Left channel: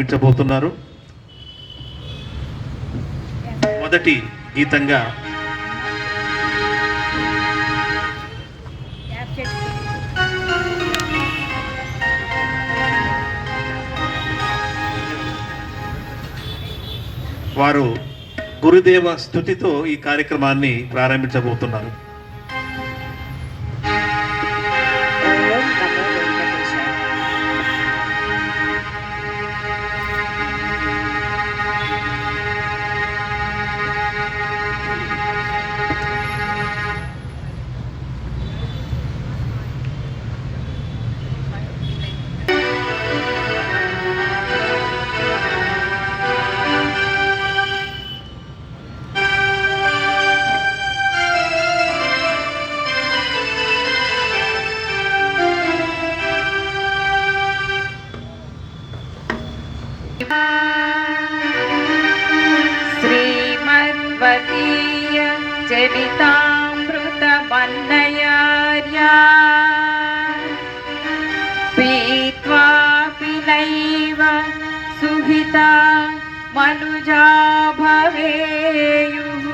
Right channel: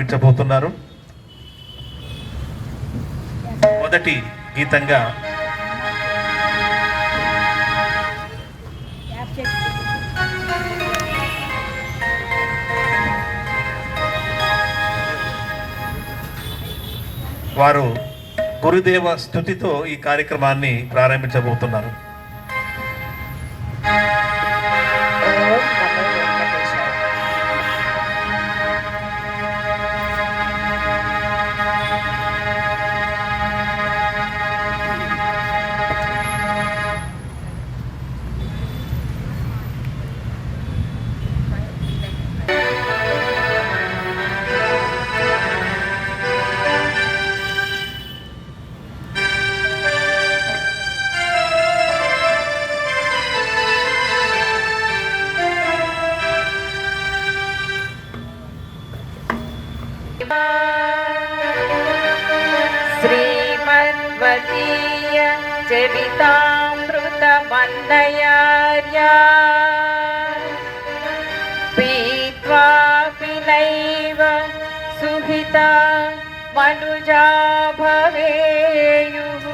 వినిపించబోతున్నారు. మొదటి గీతంగా వారు గురుదేవ స్తుతితో ఈ కార్యక్రమాన్ని ప్రారంభించబోతున్నారు. श्रीमद्वदीय चरितामृतमन्नयार्या पीत्वापि नैव सुहिता मनुजा भवेयुः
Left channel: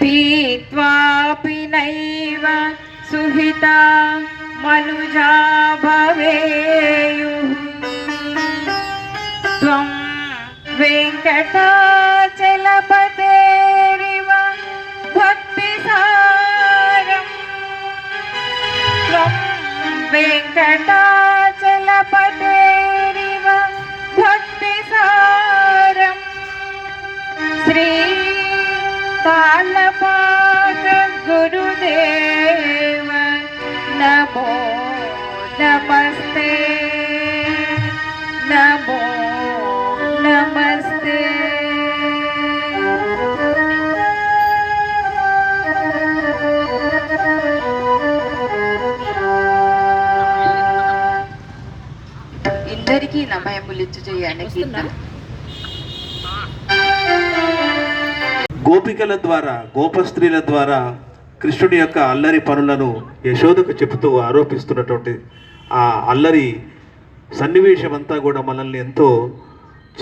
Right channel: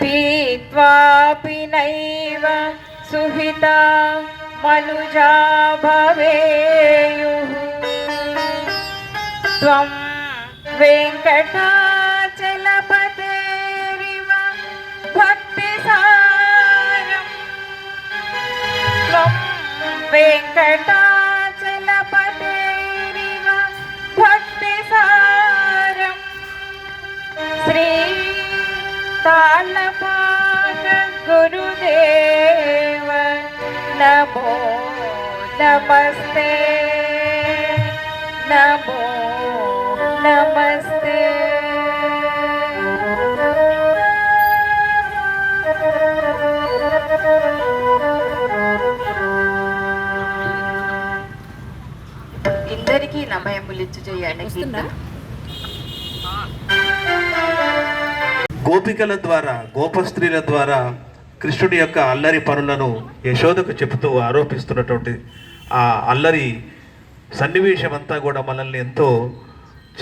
पीत्वापि नैव सुहिता मनुजा भवेयुः त्वं वेङ्कटाचलपतेरिव भक्तिसारं त्वं वेङ्कटाचलपतेरिव भक्तिसारं श्रीकालपाक गुरुदेव नमो नमस्ते नमो नमस्ते. ఇందరికీ నమయములిచ్చు చేయండి. గోపికల ద్వారా, గోపస్త్రీల ద్వారా కృష్ణుడి యొక్క అల్లరి పనులను యశోదకు చెబుతూ ఆరోపిస్తున్నటువంటి ఆ అల్లరి సన్నివేశం అంతా కూడా మనల్ని ఎంతో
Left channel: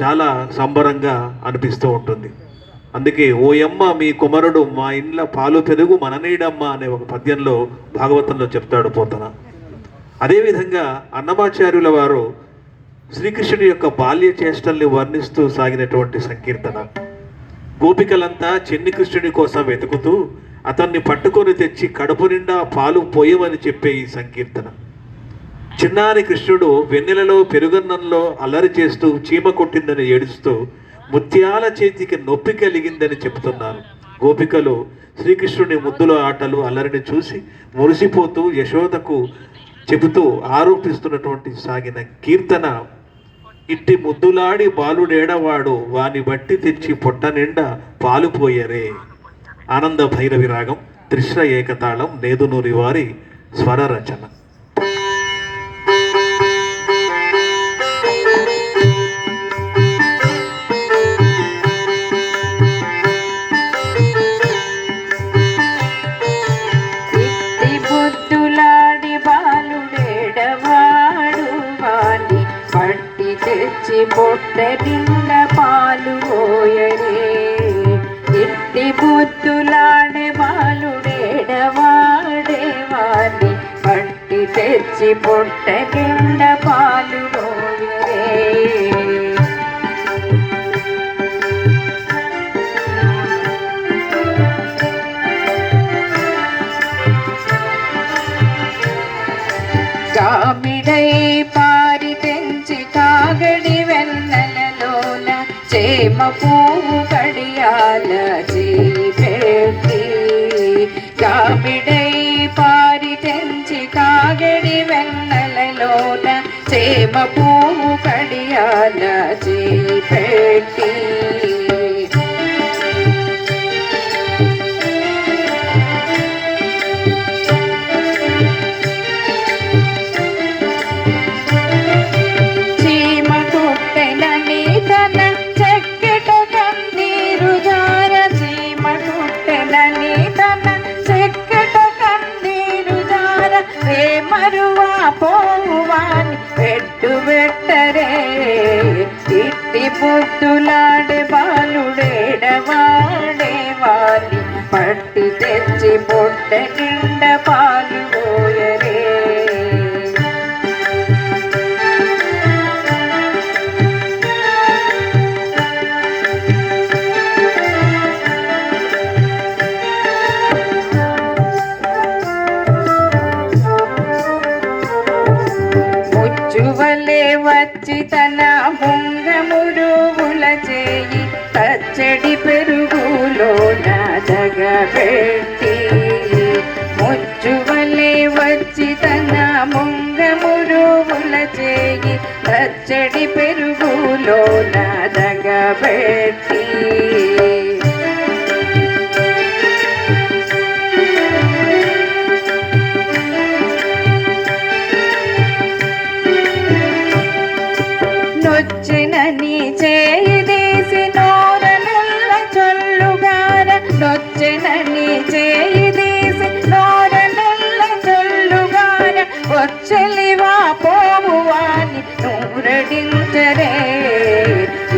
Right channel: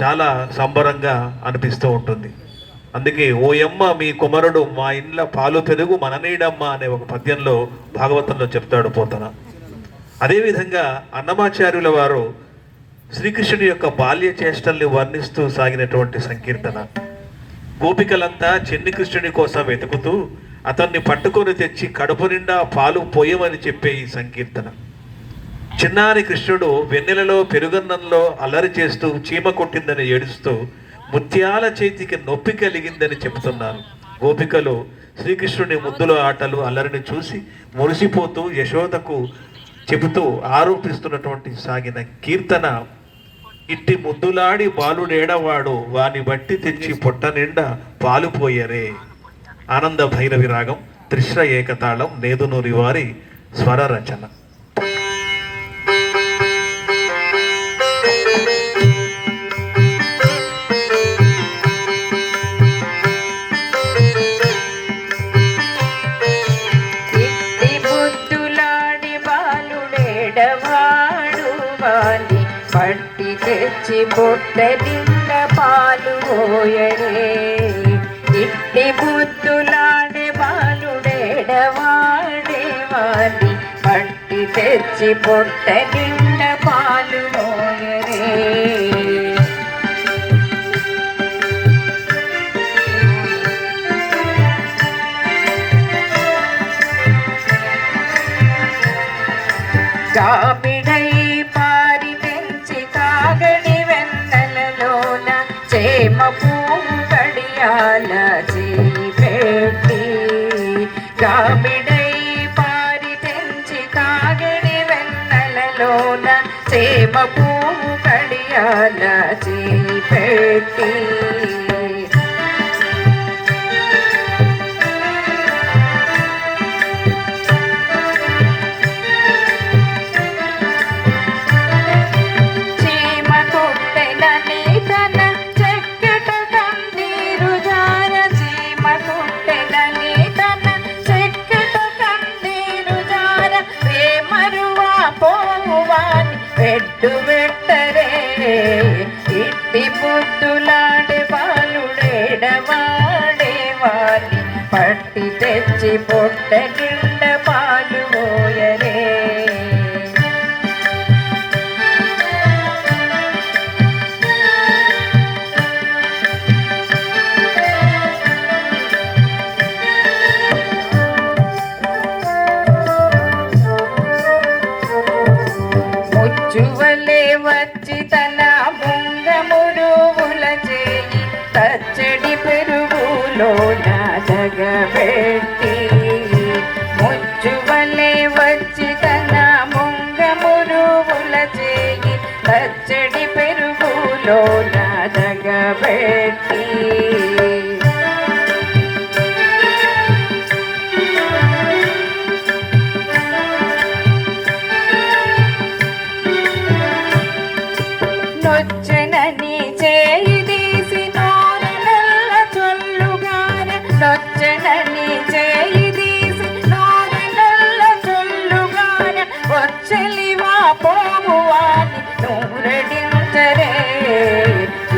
చాలా సంబరంగా అనిపిస్తూ ఉంటుంది. అందుకే ఓయమ్మ మీ కుమారుడు మా ఇండ్ల పాలు పెరుగు మననీడమ్మ అనే ఒక పద్యంలో భాగవతంలో చెప్తాడు పోతన. అదేవిధంగా అన్నమాచార్యుల వారు శ్రీకృష్ణుడి యొక్క బాల్య చేష్టల్ని వర్ణిస్తూ సాగినటువంటి సంకీర్తన. గోపికలంతా చెన్ని కృష్ణుడి కోసం వెతుకుతూ అతన్ని పట్టుకొని తెచ్చి కడుపు నిండా పాలు పోయమని చెప్పే ఈ సంకీర్తన. చిన్నారి కృష్ణుడు వెన్నెలలో పెరుగన్నంలో అల్లరి చేస్తూ చీమ కొట్టిందని ఏడుస్తూ ముత్యాల చేతికి నొప్పి కలిగిందని చెబుతున్నారు. గోపికలు శ్రీకృష్ణుని ముద్దుల ఆటలు అల్లరిని చూసి మురిసిపోతూ యశోదకు చెబుతూ ఆరోపిస్తున్నటువంటి సాగిన కీర్తన. ఇట్టి ముద్దులాడి బాలుడేడవాడు వాని బట్టి తెచ్చి పొట్ట నిండా పాలు పోయరే. ఆనంద భైరవి రాగం, త్రిశ్ర ఏకతాళం, నేదునూరి వారి స్వర రచన. తెచ్చి పొట్ట నిండా పాలు పోయరే. ఇట్టి బుద్ధులాడే బాలుడేడవాడే వాడి పట్టి తెచ్చి పొట్ట నిండా పాలు పోయరే. కామిడై పారి తెంచి కాగడి వెన్నెలలోన చేమ పువ్వు కడియాల చేయి పెట్టి. కామిడై పారి తెంచి కాగడి వెన్నెలలోన చేమ పువ్వు కడియాల చేయి పెట్టి. మరువా పోవాని పెట్టు పెట్టరే ఇట్టి పొద్దులాడే బాలుడేడవాడే వాలి పట్టి తెచ్చి పొట్ట నిండ పాలు పోయరే ముచ్చువలే వచ్చి తన ముంగమురువుల చేయి తచ్చడి పెరుగులో నదగబెట్టి ముచ్చువలే వచ్చి తన ముంగమురువుల చేయి తచ్చడి పెరుగులో నదగబెట్టి నొచ్చెనని చేయి తీసి నోరనల్ల చొల్లుగాన నొచ్చెనని చేయి తీసి నోరనల్ల చొల్లుగాన వచ్చలివా పోవువాని నూరడించరే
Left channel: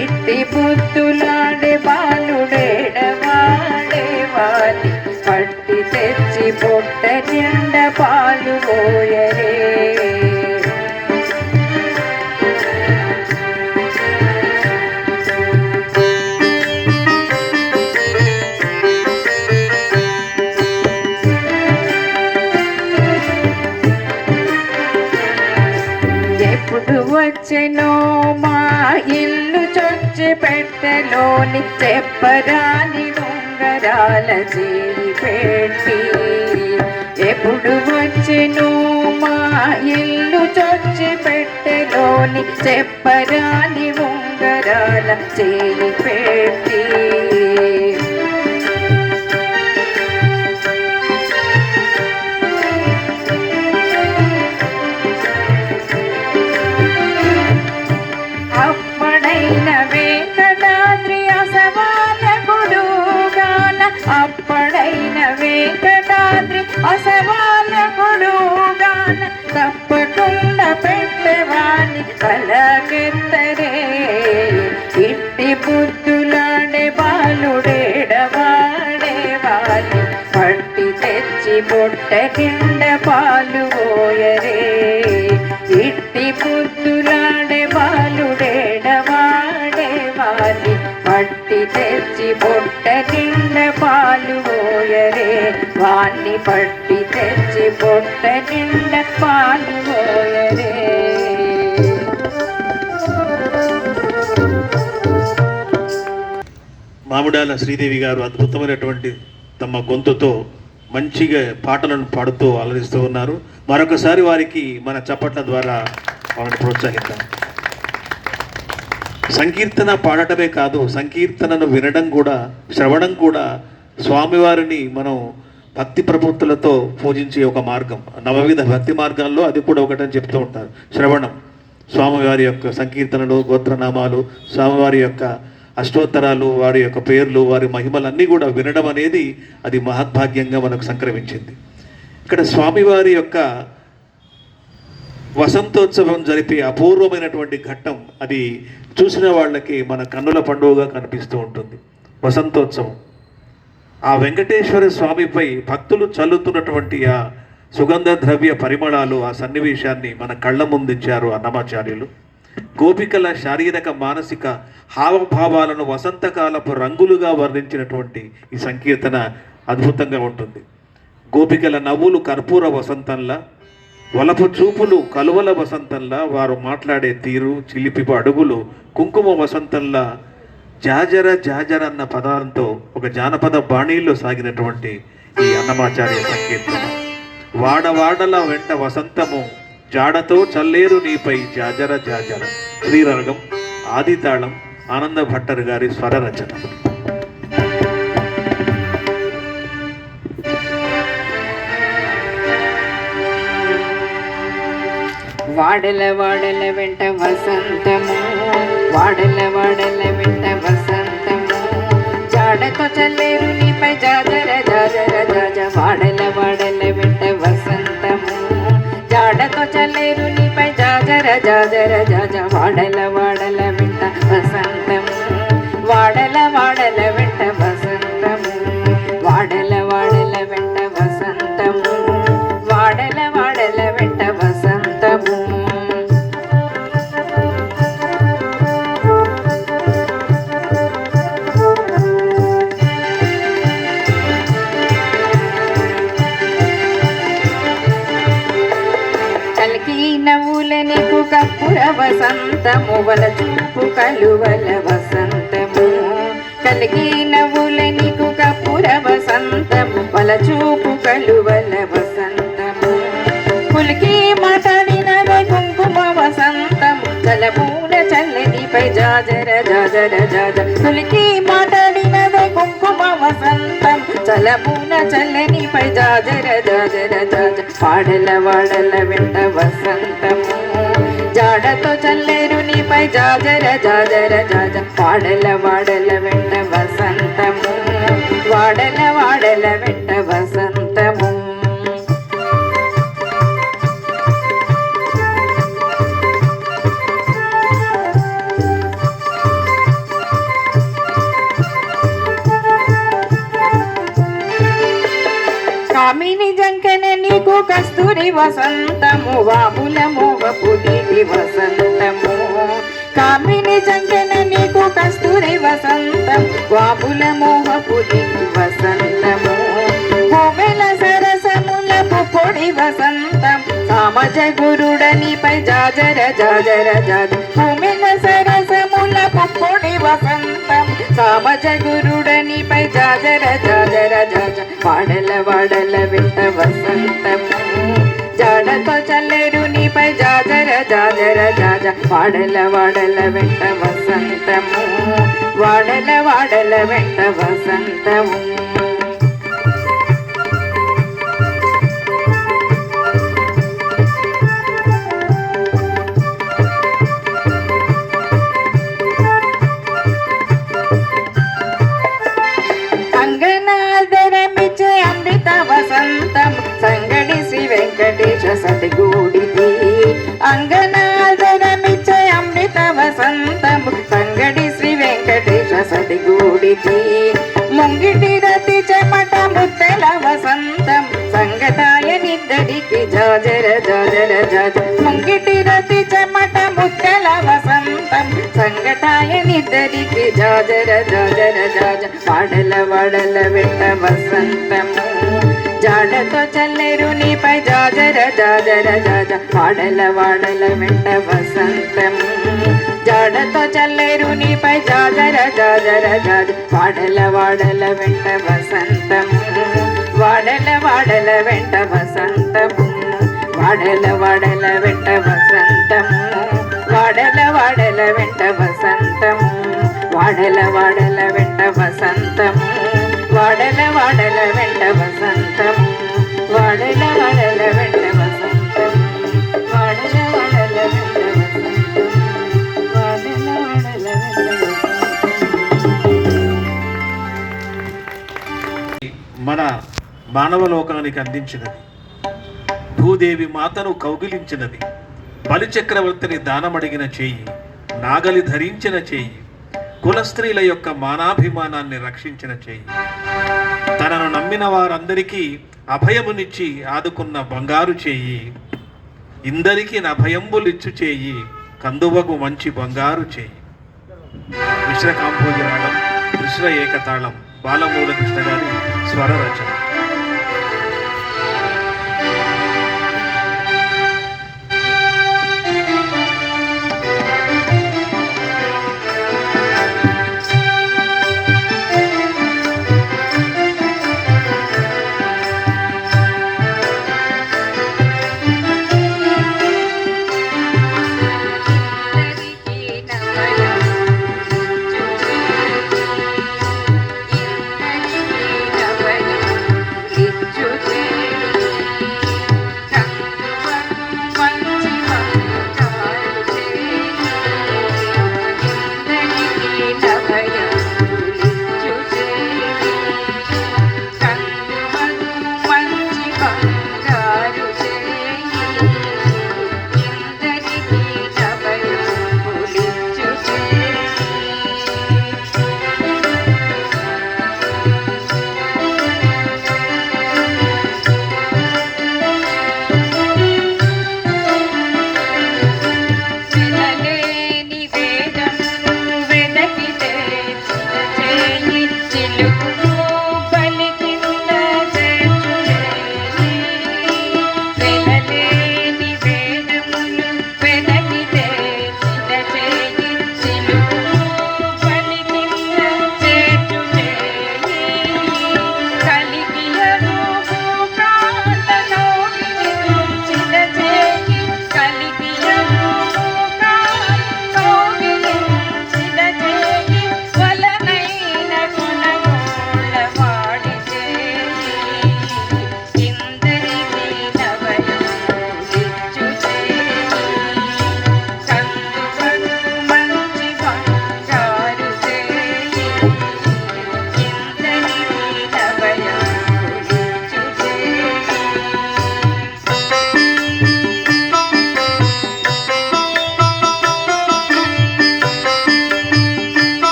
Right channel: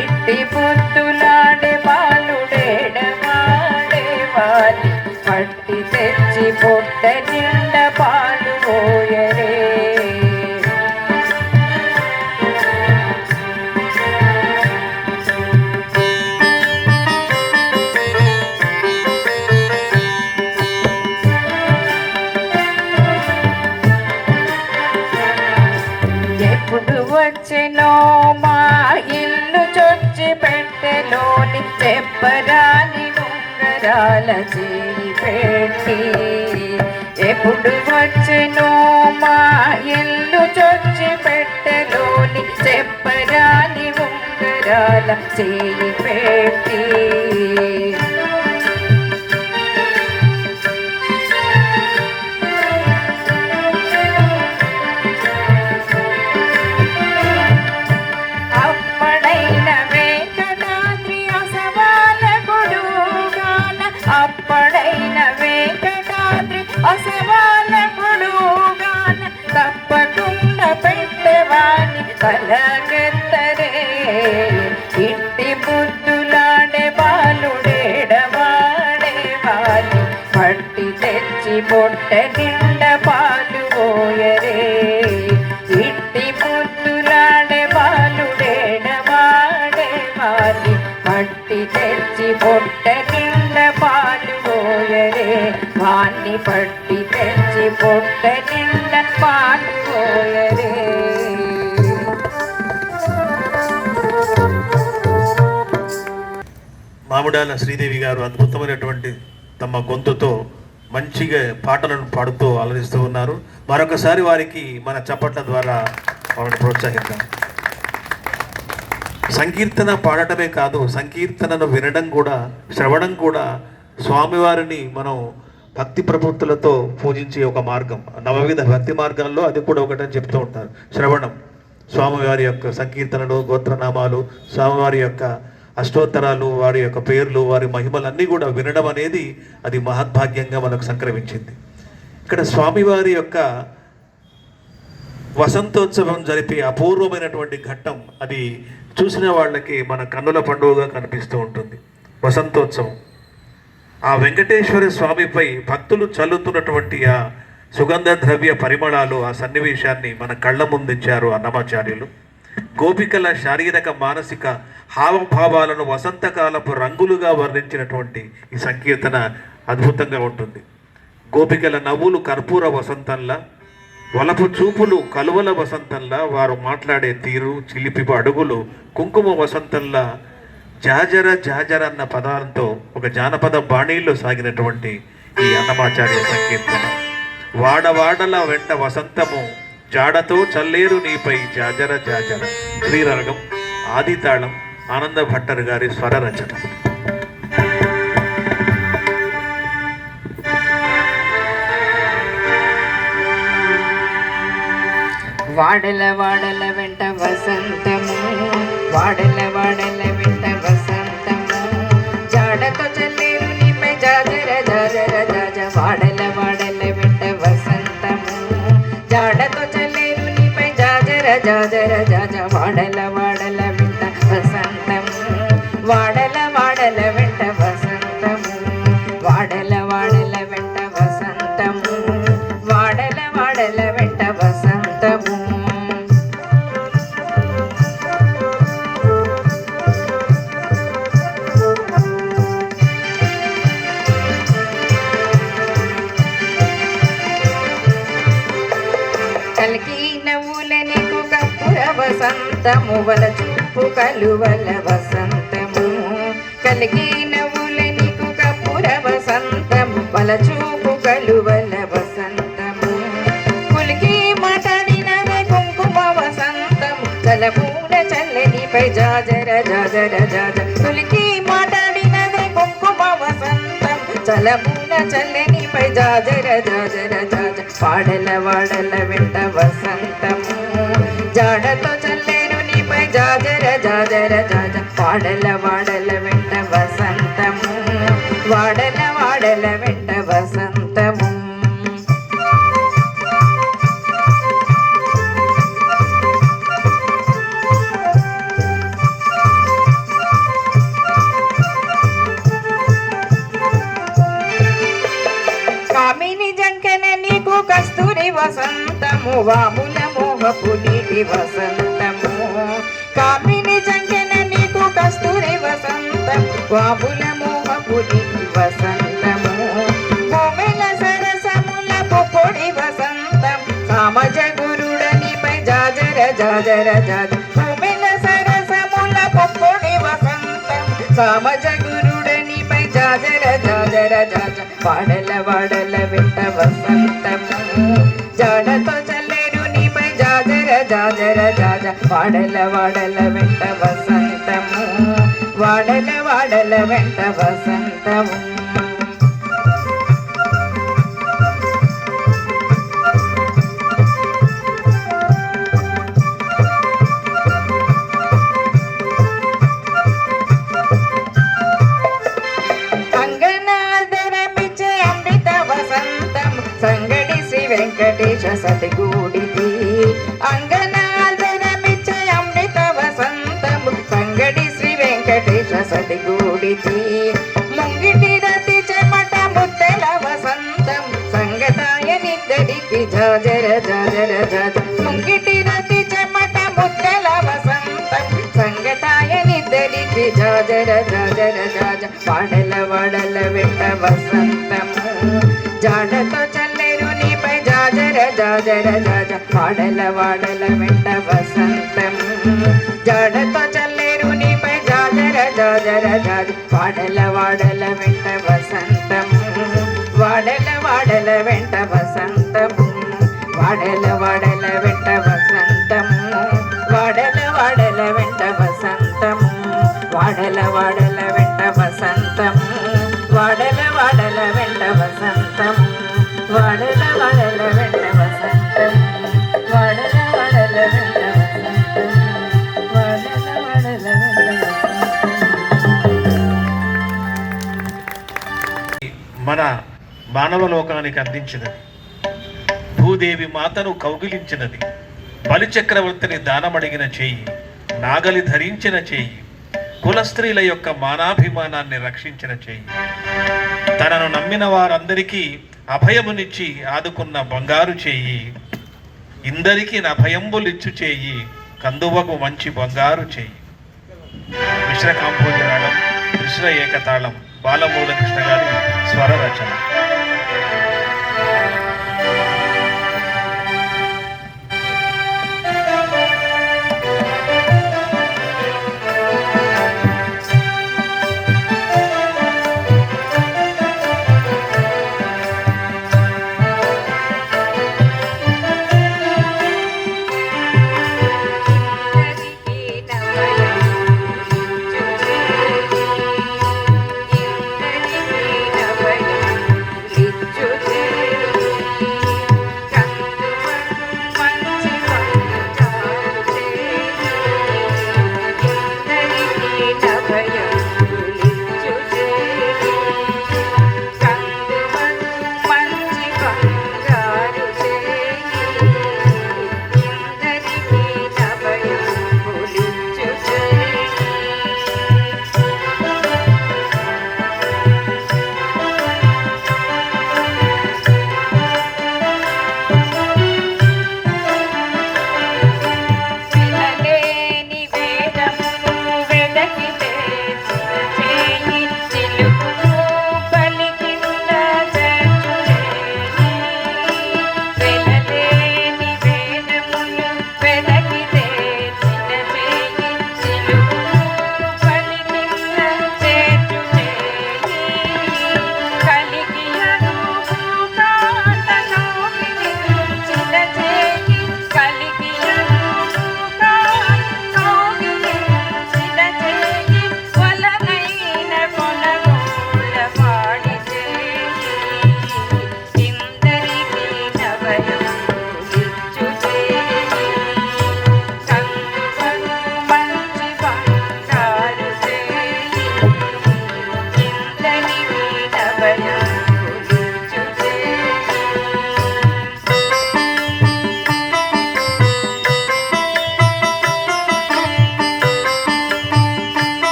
ఇట్టి పొద్దులాడే బాలుడేడవాడే వాలి పట్టి తెచ్చి పొట్ట నిండ పాలు పోయరే ఎప్పుడు వచ్చెనో మా ఇల్లు చొచ్చి పెట్టెలోని చెప్పరాని ఉంగరాల చేయి పెట్టి ఎప్పుడు వచ్చెనో మా ఇల్లు చొచ్చి పెట్టెలోని చెప్పరాని ఉంగరాల చేయి పెట్టి అప్పడైన వెంకటాద్రి అసవాల కొడుగాన అప్పడైన వెంకటాద్రి అసవాల కొడుగాన తప్పకుండా పెట్టేవాని పలకెత్తరే ఇట్టి బుద్ధులాడే బాలుడేడవాడే వాలి పట్టి తెచ్చి పొట్ట నిండ పాలు పోయరే ఇట్టి బుద్ధులాడే బాలుడేడవాడే వాలి పట్టి తెచ్చి పొట్ట నిండ పాలు పోయరే వాణ్ణి పట్టి తెచ్చి పొట్ట నిండ పాలు పోయరే మామిడాల శ్రీదేవి గారు అద్భుతమైనటువంటి తమ గొంతుతో మంచిగా పాటలను పాడుతూ ఆలరిస్తూ ఉన్నారు. మరొకసారి వారికి మన చప్పట్ల ద్వారా వారిని ప్రోత్సహిద్దాం. సంకీర్తన పాడటమే కాదు, సంకీర్తనను వినడం కూడా, శ్రవణం కూడా స్వామివారిని మనం భక్తి ప్రవృత్తులతో పూజించే ఒక మార్గం. నవవిధ భక్తి మార్గాల్లో అది కూడా ఒకటని చెప్తూ ఉంటారు. శ్రవణం, స్వామివారి యొక్క సంకీర్తనలు, గోత్రనామాలు, స్వామివారి యొక్క అష్టోత్తరాలు, వారి యొక్క పేర్లు, వారి మహిమలన్నీ కూడా వినడం అనేది అది మహద్భాగ్యంగా మనకు సంక్రమించింది. ఇక్కడ స్వామివారి యొక్క వసంతోత్సవం జరిపే అపూర్వమైనటువంటి ఘట్టం, అది చూసిన వాళ్ళకి మన కన్నుల పండుగగా కనిపిస్తూ ఉంటుంది. వసంతోత్సవం, ఆ వెంకటేశ్వర స్వామిపై భక్తులు చల్లుతున్నటువంటి ఆ సుగంధ ద్రవ్య పరిమళాలు, ఆ సన్నివేశాన్ని మన కళ్ళ ముందుంచారు అన్నమాచార్యులు. గోపికల శారీరక మానసిక హావభావాలను వసంతకాలపు రంగులుగా వర్ణించినటువంటి ఈ సంకీర్తన అద్భుతంగా ఉంటుంది. గోపికల నవ్వులు కర్పూర వసంతంలా, వలపు చూపులు కలువల వసంతంలా, వారు మాట్లాడే తీరు, చిలిపిపు అడుగులు కుంకుమ వసంతంలా, జాజర జాజర అన్న పదాలతో ఒక జానపద బాణీల్లో సాగినటువంటి ఈ అన్నమాచార్య సంకీర్తన. వాడవాడల వెంట వసంతము, జాడతో చల్లేరు నీపై జాజర జాజర. శ్రీరాగం, ఆదితాళం, ఆనంద భట్టర్ గారి స్వర రచన. వాడల వాడల వెంట వసంతము, వాడల వాడల వెంట వసంతము, జాడతో చల్లేరు నీపై జాజర జాజర జాజ. వాడల వాడల వెంట వసంతము, జాడతో చల్లేరు నీపై జాజర జాజర జాజ. వాడల వాడల వెంట వసంతము వాడల వాడల వెంట వసంతము వాడల వాడల వెంట వసంతము వాడల వాడల వెంట వసంతము కలికి నవ్వుల నీకు కప్పుర వసంతము వల చూపు కలువల వసంతము కలికి నవ్వుల నీకు కప్పుర వసంతము వల చూపు కలువల వసంతము కులికి మాట్లాడిన కుంకుమ వసంతము చలపూల చల్లనిపై జాజర జాజర జాజ కులికి మాట్లాడిన కుంకుమ వసంతం చలపూల చల్లనిపై జాజర జాజర జాజ వాడల వాడల వెంట వసంతము జాడతో చల్లేరు నీపై జాజర జాజర జాజ వాడల వాడల వెంట వసంతము వాడల వాడల వెంట వసంతము కామిని జంకన నీకు కస్తూరి వసంతము వాముల మోహపు నీటి వసంతము కామిని జంకన నీకు కస్తూరి వసంతం వాముల మోహపు నీటి వసంతము కోమెల సరసముల పొడి వసంతం సామజ గురుడనిపై జాజర జాజర జాజ కోమెల సరసముల పొడి వసంతం సామజ గురుడనిపై జాజర జాజర జాజ వాడల వాడల వెంట వసంతము జాడతో చల్లేరు నీపై జాజర జాజర జాజ వాడల వాడల వెంట వసంతము వాడల వాడల వెంట వసంతము సంగడి శ్రీ వెంకటేశ సతిగూడితి అంగనాదరమిచ్చే అమృత వసంతము సంగడి శ్రీ వెంకటేశ సతిగూడితి ముంగిటి రతి చెమట ముద్దల వసంతం సంగతాయ నిద్దరికి జాజర జాజర జాజ ముంగిటి రతి చెమట ముద్దల వసంతం సంగతాయ నిద్దరికి జాజర జాజర జాజ వాడల వాడల వెంట వసంతము జాడతో చల్లేరు నీపై జాజర జాజర జాజ వాడల వాడల వెంట వసంతము జాడతో చల్లేరు నీపై జాజర జాజర జాజ వాడల వాడల వెంట వసంతము వాడల వాడల వెంట వసంతము వాడల వాడల వెంట వసంతము వాడల వాడల వెంట వసంతము వాడల వాడల వెంట వసంతము వాడల వాడల వెంట వసంతము వాడల వాడల వెంట వసంతము వాడల వాడల వెంట వసంతము వాడల వాడల వెంట మన మానవ లోకానికి అందించినది భూదేవి మాతను కౌగిలించినది బలిచక్రవర్తిని దానమడిగిన చేయి నాగలి ధరించిన చేయి కులస్త్రీల యొక్క మానాభిమానాన్ని రక్షించిన చేయి తనను నమ్మిన వారందరికీ అభయమునిచ్చి ఆదుకున్న బంగారు చేయి ఇందరికీ అభయంబులిచ్చు చేయి కందువకు మంచి బంగారు చేయి. మిశ్ర కాంపోజరాగం కృష్ణ ఏకతాళం బాలమూల కృష్ణ గారి స్వర రచన.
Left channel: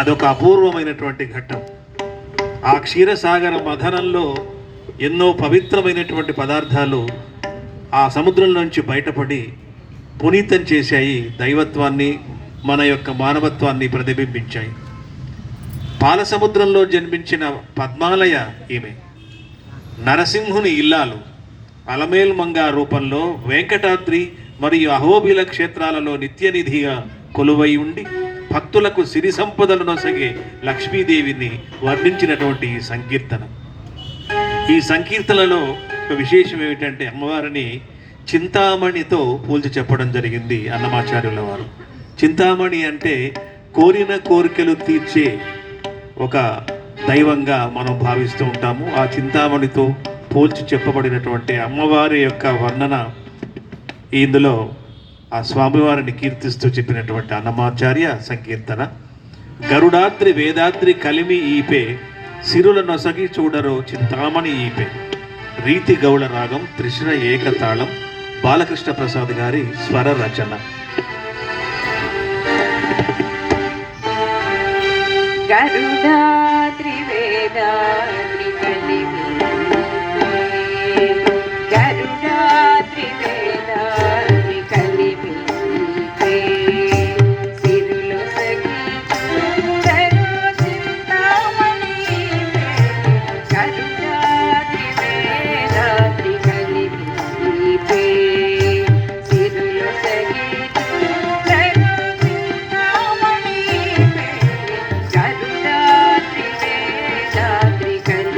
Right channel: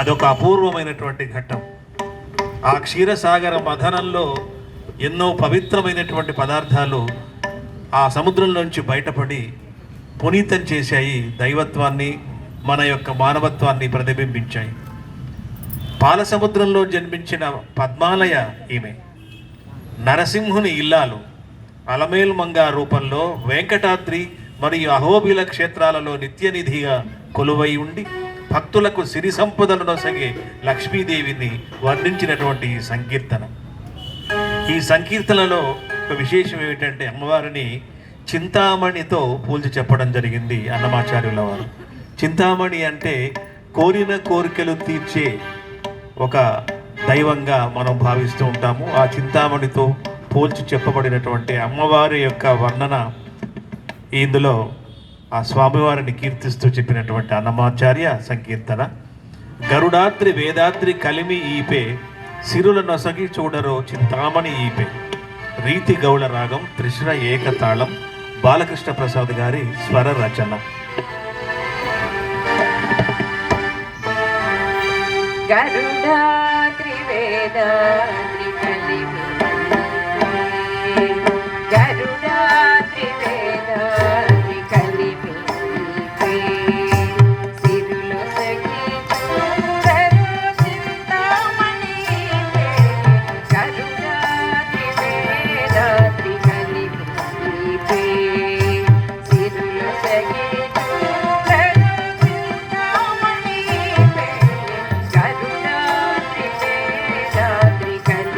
అదొక అపూర్వమైనటువంటి ఘట్టం. ఆ క్షీరసాగర మథనంలో ఎన్నో పవిత్రమైనటువంటి పదార్థాలు ఆ సముద్రం నుంచి బయటపడి పునీతం చేశాయి, దైవత్వాన్ని మన యొక్క మానవత్వాన్ని ప్రతిబింబించాయి. పాల సముద్రంలో జన్మించిన పద్మాలయ ఈమె నరసింహుని ఇల్లాలు. అలమేల్ మంగా రూపంలో వెంకటాద్రి మరియు అహోబిల క్షేత్రాలలో నిత్యనిధిగా కొలువై ఉండి భక్తులకు సిరి సంపదలను నొసగే లక్ష్మీదేవిని వర్ణించినటువంటి ఈ సంకీర్తన. ఈ సంకీర్తనలో ఒక విశేషం ఏమిటంటే అమ్మవారిని చింతామణితో పోల్చి చెప్పడం జరిగింది అన్నమాచార్యుల వారు. చింతామణి అంటే కోరిన కోరికలు తీర్చే ఒక దైవంగా మనం భావిస్తూ ఉంటాము. ఆ చింతామణితో పోల్చి చెప్పబడినటువంటి అమ్మవారి యొక్క వర్ణన ఇందులో ఆ స్వామివారిని కీర్తిస్తూ చెప్పినటువంటి అన్నమాచార్య సంకీర్తన. గరుడాద్రి వేదాద్రి కలిమి ఈపే సిరుల నొసగి చూడరో చింతామణి ఈపే. రీతి గౌళ రాగం త్రిశిర ఏకతాళం బాలకృష్ణ ప్రసాద్ గారి స్వర రచన. గరుడాద్రి వేదాద్రి కలిమి గరుడాద్రి వేదాద్రి కలిమి సిరులు సగి చూడరు చింతామణి గరుడాద్రి వేదాద్రి కలిమి సిరులు సగి చూడరు చింతామణి గరుడాద్రి వేదాద్రి కలిమి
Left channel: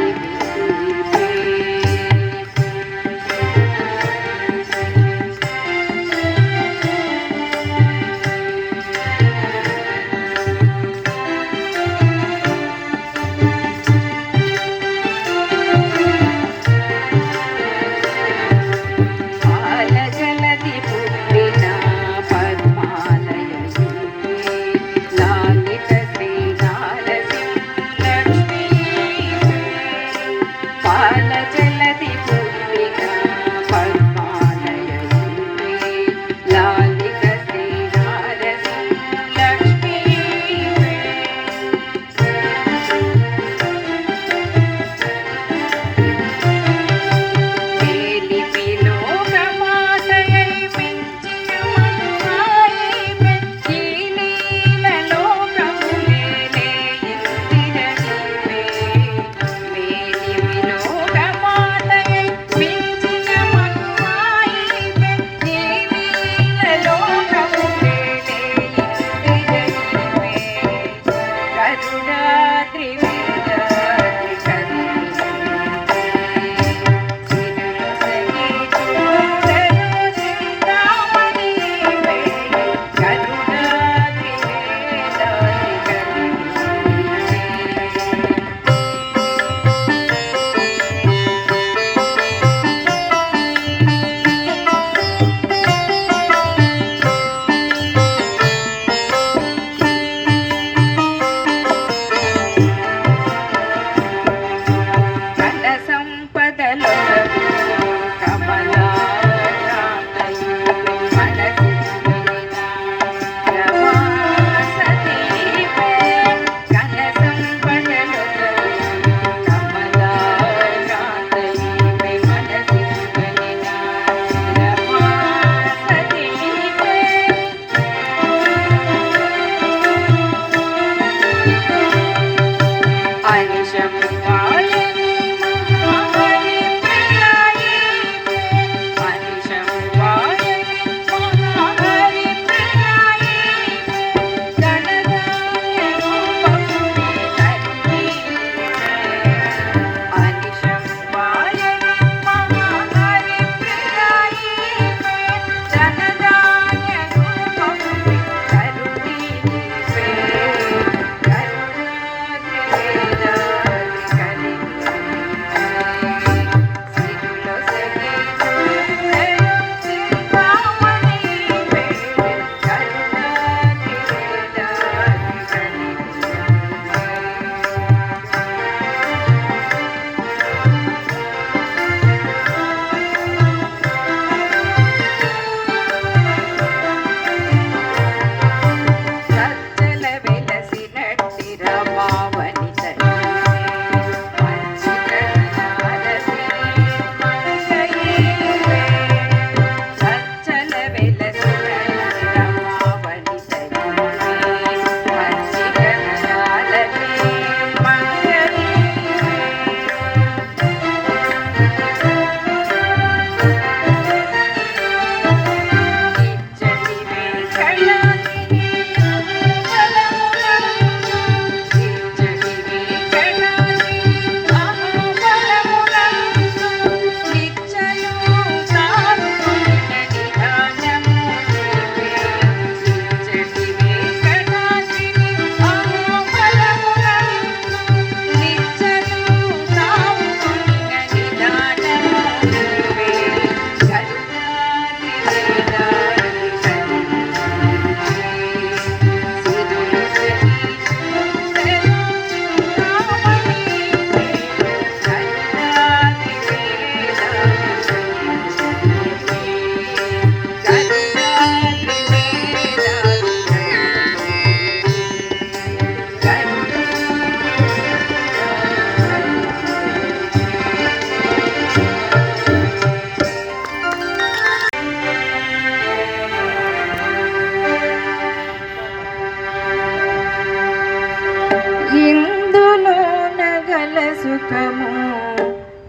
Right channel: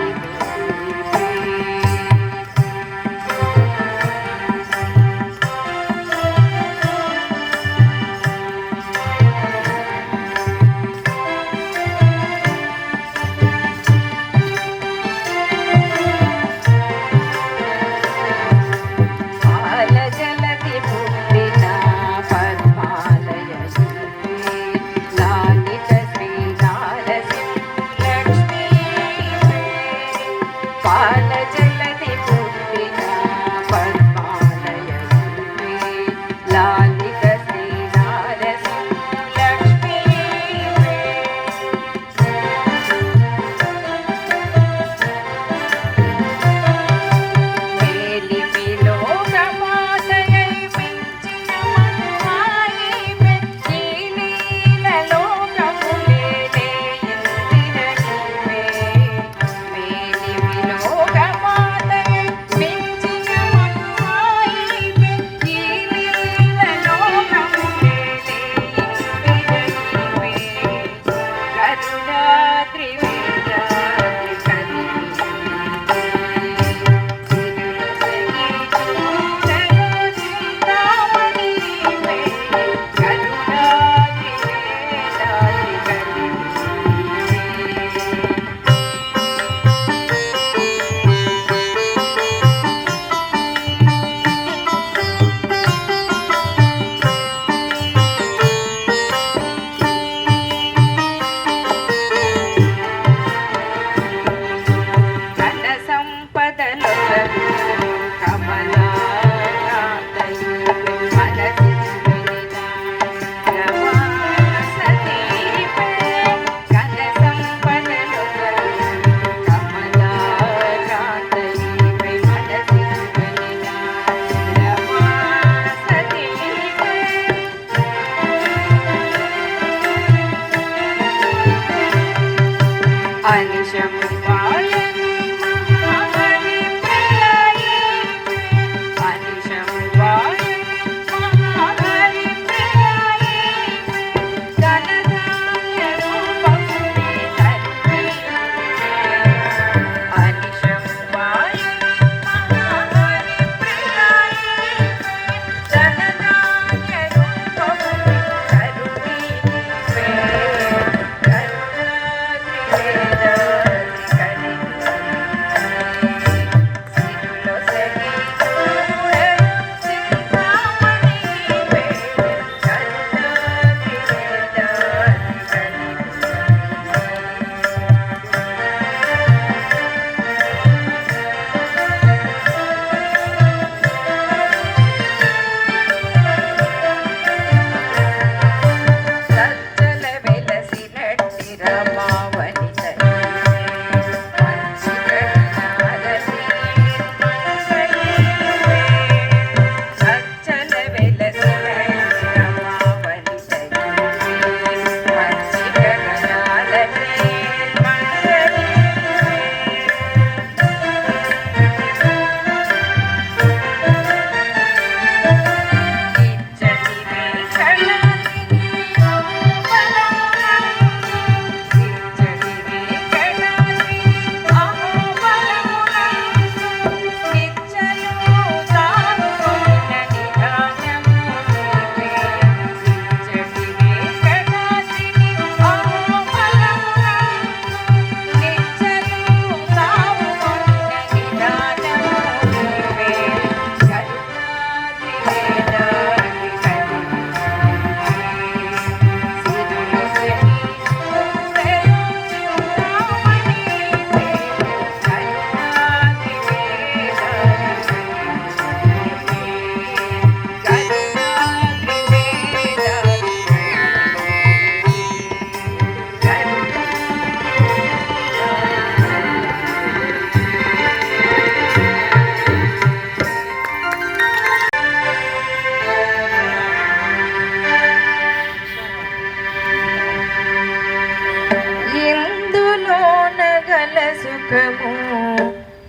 సుఖము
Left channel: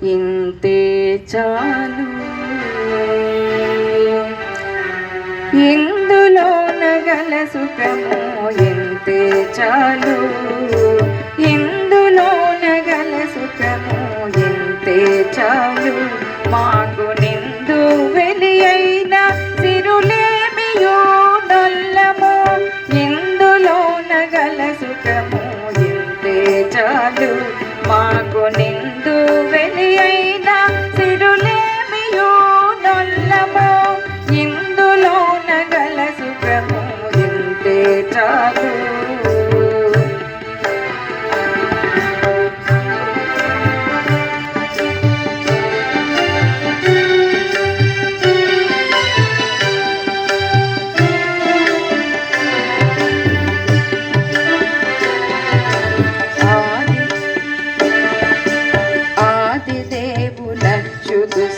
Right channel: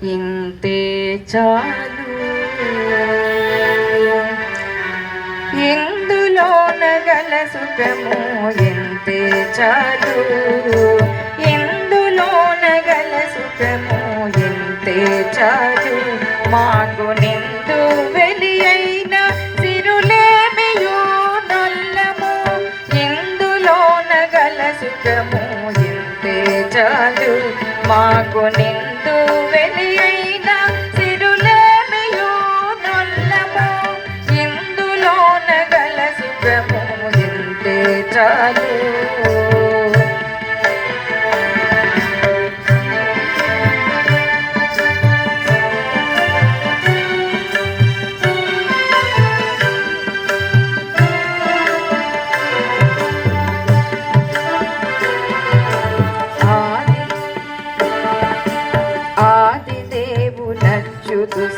ఇంతే చాలు. ఇందులోన గల సుఖము ఇంతే చాలు. ఇందులోన గల సుఖము ఇంతే చాలు. మాకు నిందు వెలి అయిన సిరులేమియో నల్లము. ఇందులోన గల సుఖము ఇంతే చాలు. మాకు నిందు వెలి అయిన సిరులేమియో నల్లము. ఇందులోన గల సుఖము ఇంతే చాలు.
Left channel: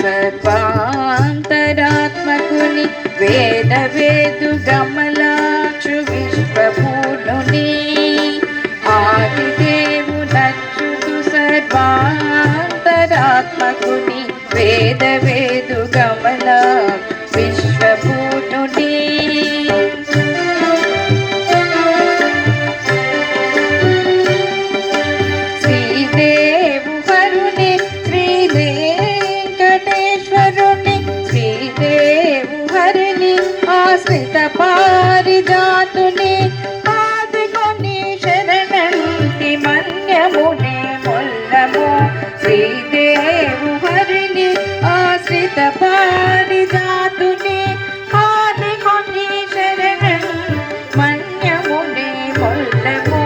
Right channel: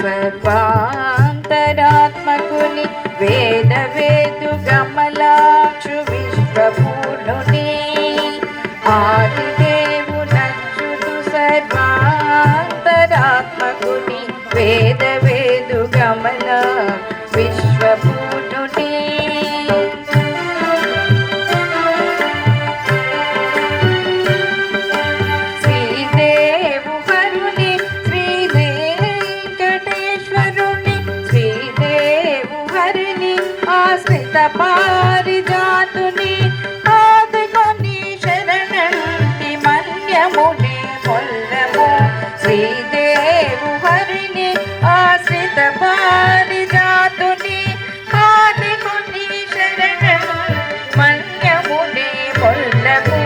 సర్వాంతరాత్మకుని వేద వేదు గమలాక్షు విశ్వపూర్ణుని. ఆదిదేవునచ్యుతు సర్వాంతరాత్మకుని వేద వేదు గమలాక్షు విశ్వపూర్ణుని. పారిజాతుని ఆదుకొని శరణంటి మన్యమునే మొల్లము. శ్రీదేవు హరిని ఆశ్రిత పారిజాతుని ఆదుకొని శరణం మన్యమునే మొల్లము.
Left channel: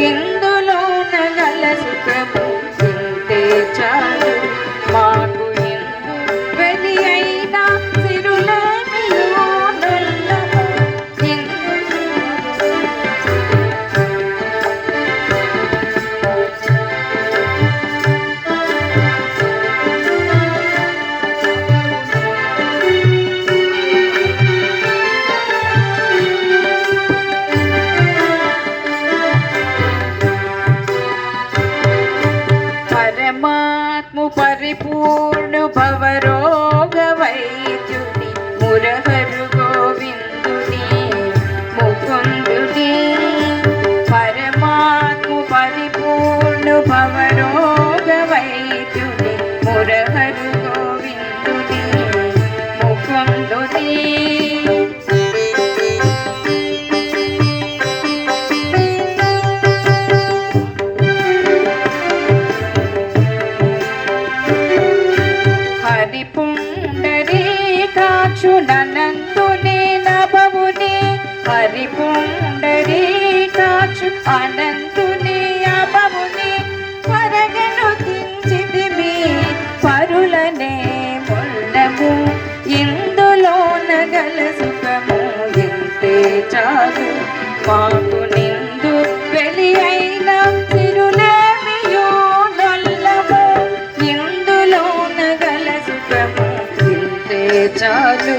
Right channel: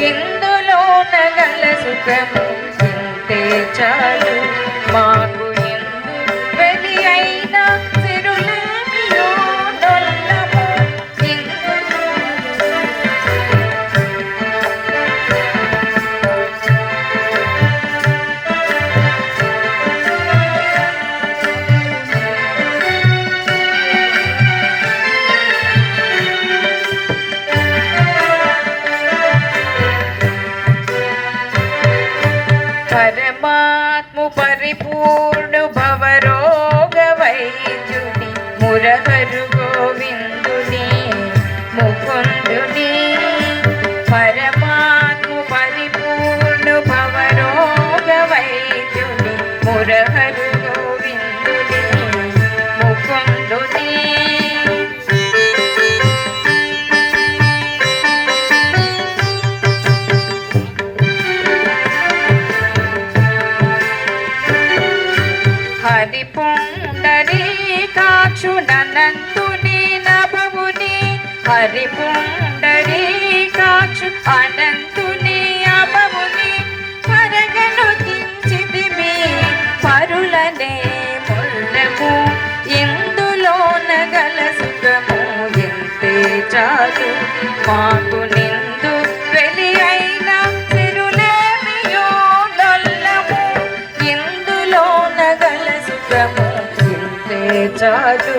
ఇందులోన గల సుఖము ఇంతే చాలు. మాకు ఇందు వెలి అయిన సిరులేమియో నల్లము. పరమాత్ము పరిపూర్ణు భవరోగ వైద్యుని మురహరు గోవిందుని ముకుందుని. పరమాత్ము పరిపూర్ణు భవరోగ వైద్యుని మురహరు గోవిందుని ముకుందుని. పుండరీకాక్షునంతుని నభవుని. హరి పుండరీకాక్షు అనంతుని అభవుని. పరగను దించితిమి పరులనే మొల్లము. ఇందులోన గల సుఖము ఇంతే చాలు. మాకు నిందు వెలి అయిన సిరులేమియో నల్లము. ఇందులోన గల సుఖము ఇంతే చాలు.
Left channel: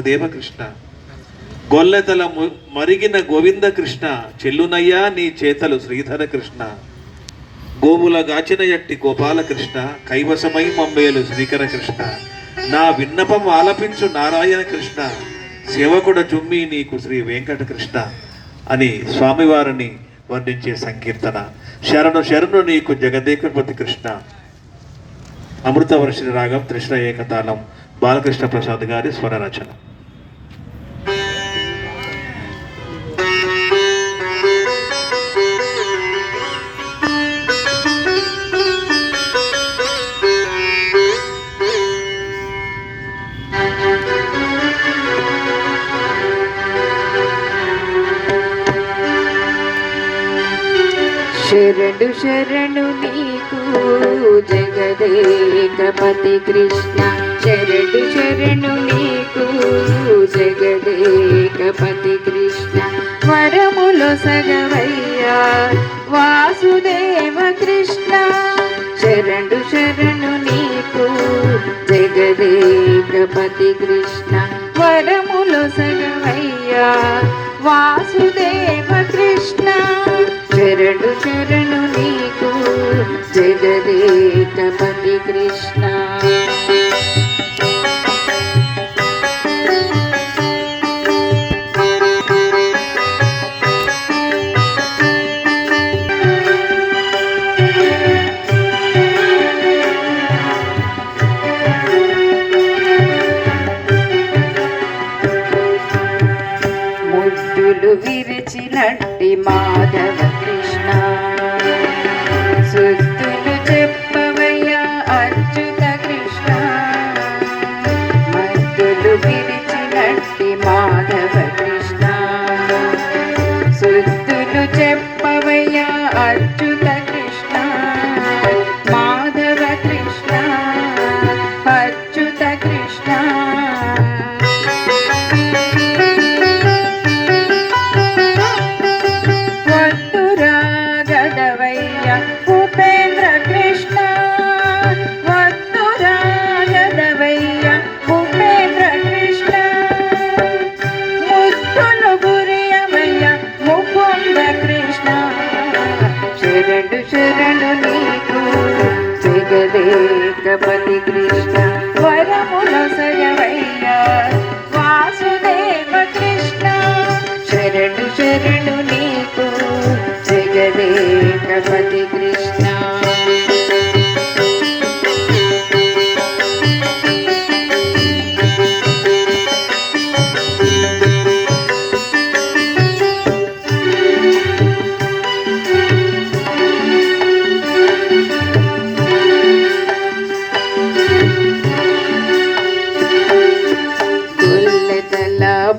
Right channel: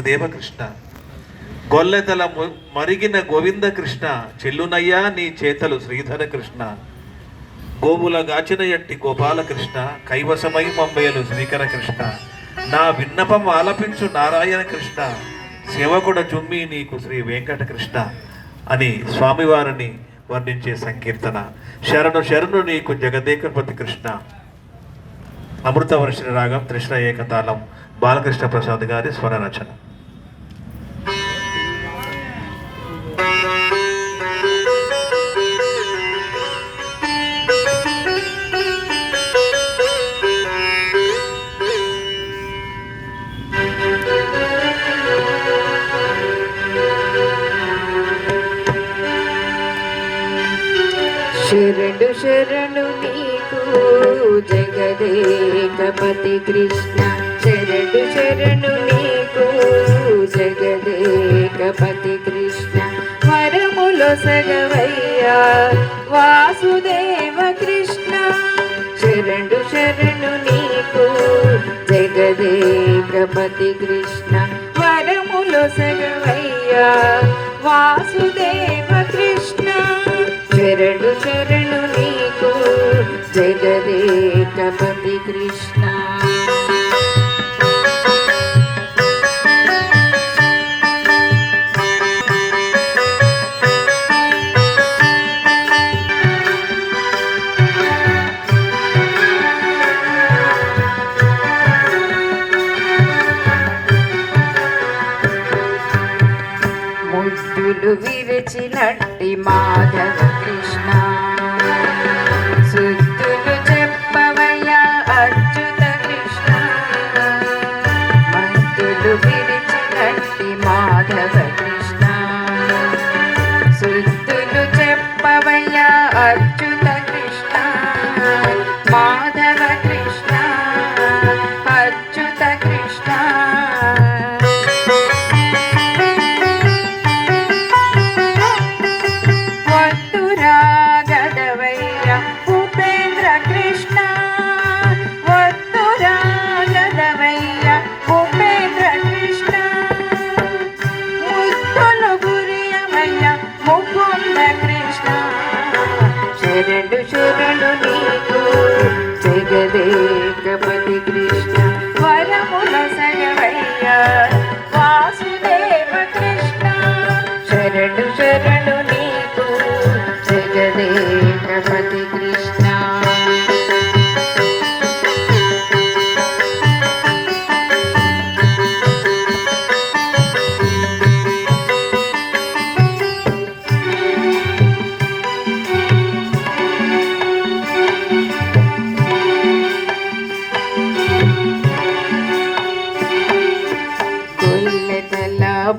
వాసుదేవ కృష్ణ. గొల్లెతల మరిగిన గోవింద కృష్ణ, చెల్లునయ్యా నీ చేతలు శ్రీధర కృష్ణ. గోవుల గాచిన ఎట్టి గోపాలకృష్ణ, కైవసమై మంబేలు శ్రీకర కృష్ణ. నా విన్నపం ఆలపించు నారాయణ కృష్ణ, సేవకుడ జుమ్మి నీకు శ్రీ వెంకటకృష్ణ అని స్వామివారిని వర్ణించే సంకీర్తన. శరణు శరణు నీకు జగదేకపతి కృష్ణ. అమృతవర్షిణి రాగం, త్రిశ్ర ఏకతాళం, బాలకృష్ణ ప్రసాద్ గారి స్వర రచన. శరణు శరణు నీకు జగదేకపతి కృష్ణ. శరణు శరణు నీకు జగదేకపతి కృష్ణ. వరములో సగవయ్యా వాసుదేవ కృష్ణ. శరణు శరణు నీకు జగదేకపతి కృష్ణ. వరములో సగవయ్యా వాసుదేవ కృష్ణ. శరణు శరణు నీకు జగదేకపతి కృష్ణ. ముద్దులు విరిచినట్టి మాధవ కృష్ణ. సుద్దులు చెప్పవయ్యా అచ్యుత కృష్ణ. ముద్దులు విరిచినట్టి మాధవ కృష్ణ. సుద్దులు చెప్పవయ్యా అచ్యుత కృష్ణ. మాధవ కృష్ణ, అచ్యుత కృష్ణ. శరణు శరణు నీకు జగదేకపతి కృష్ణ. వరముల సగవయ్యా వాసుదేవ కృష్ణ. శరణు శరణు నీకు జగదేకపతి కృష్ణ.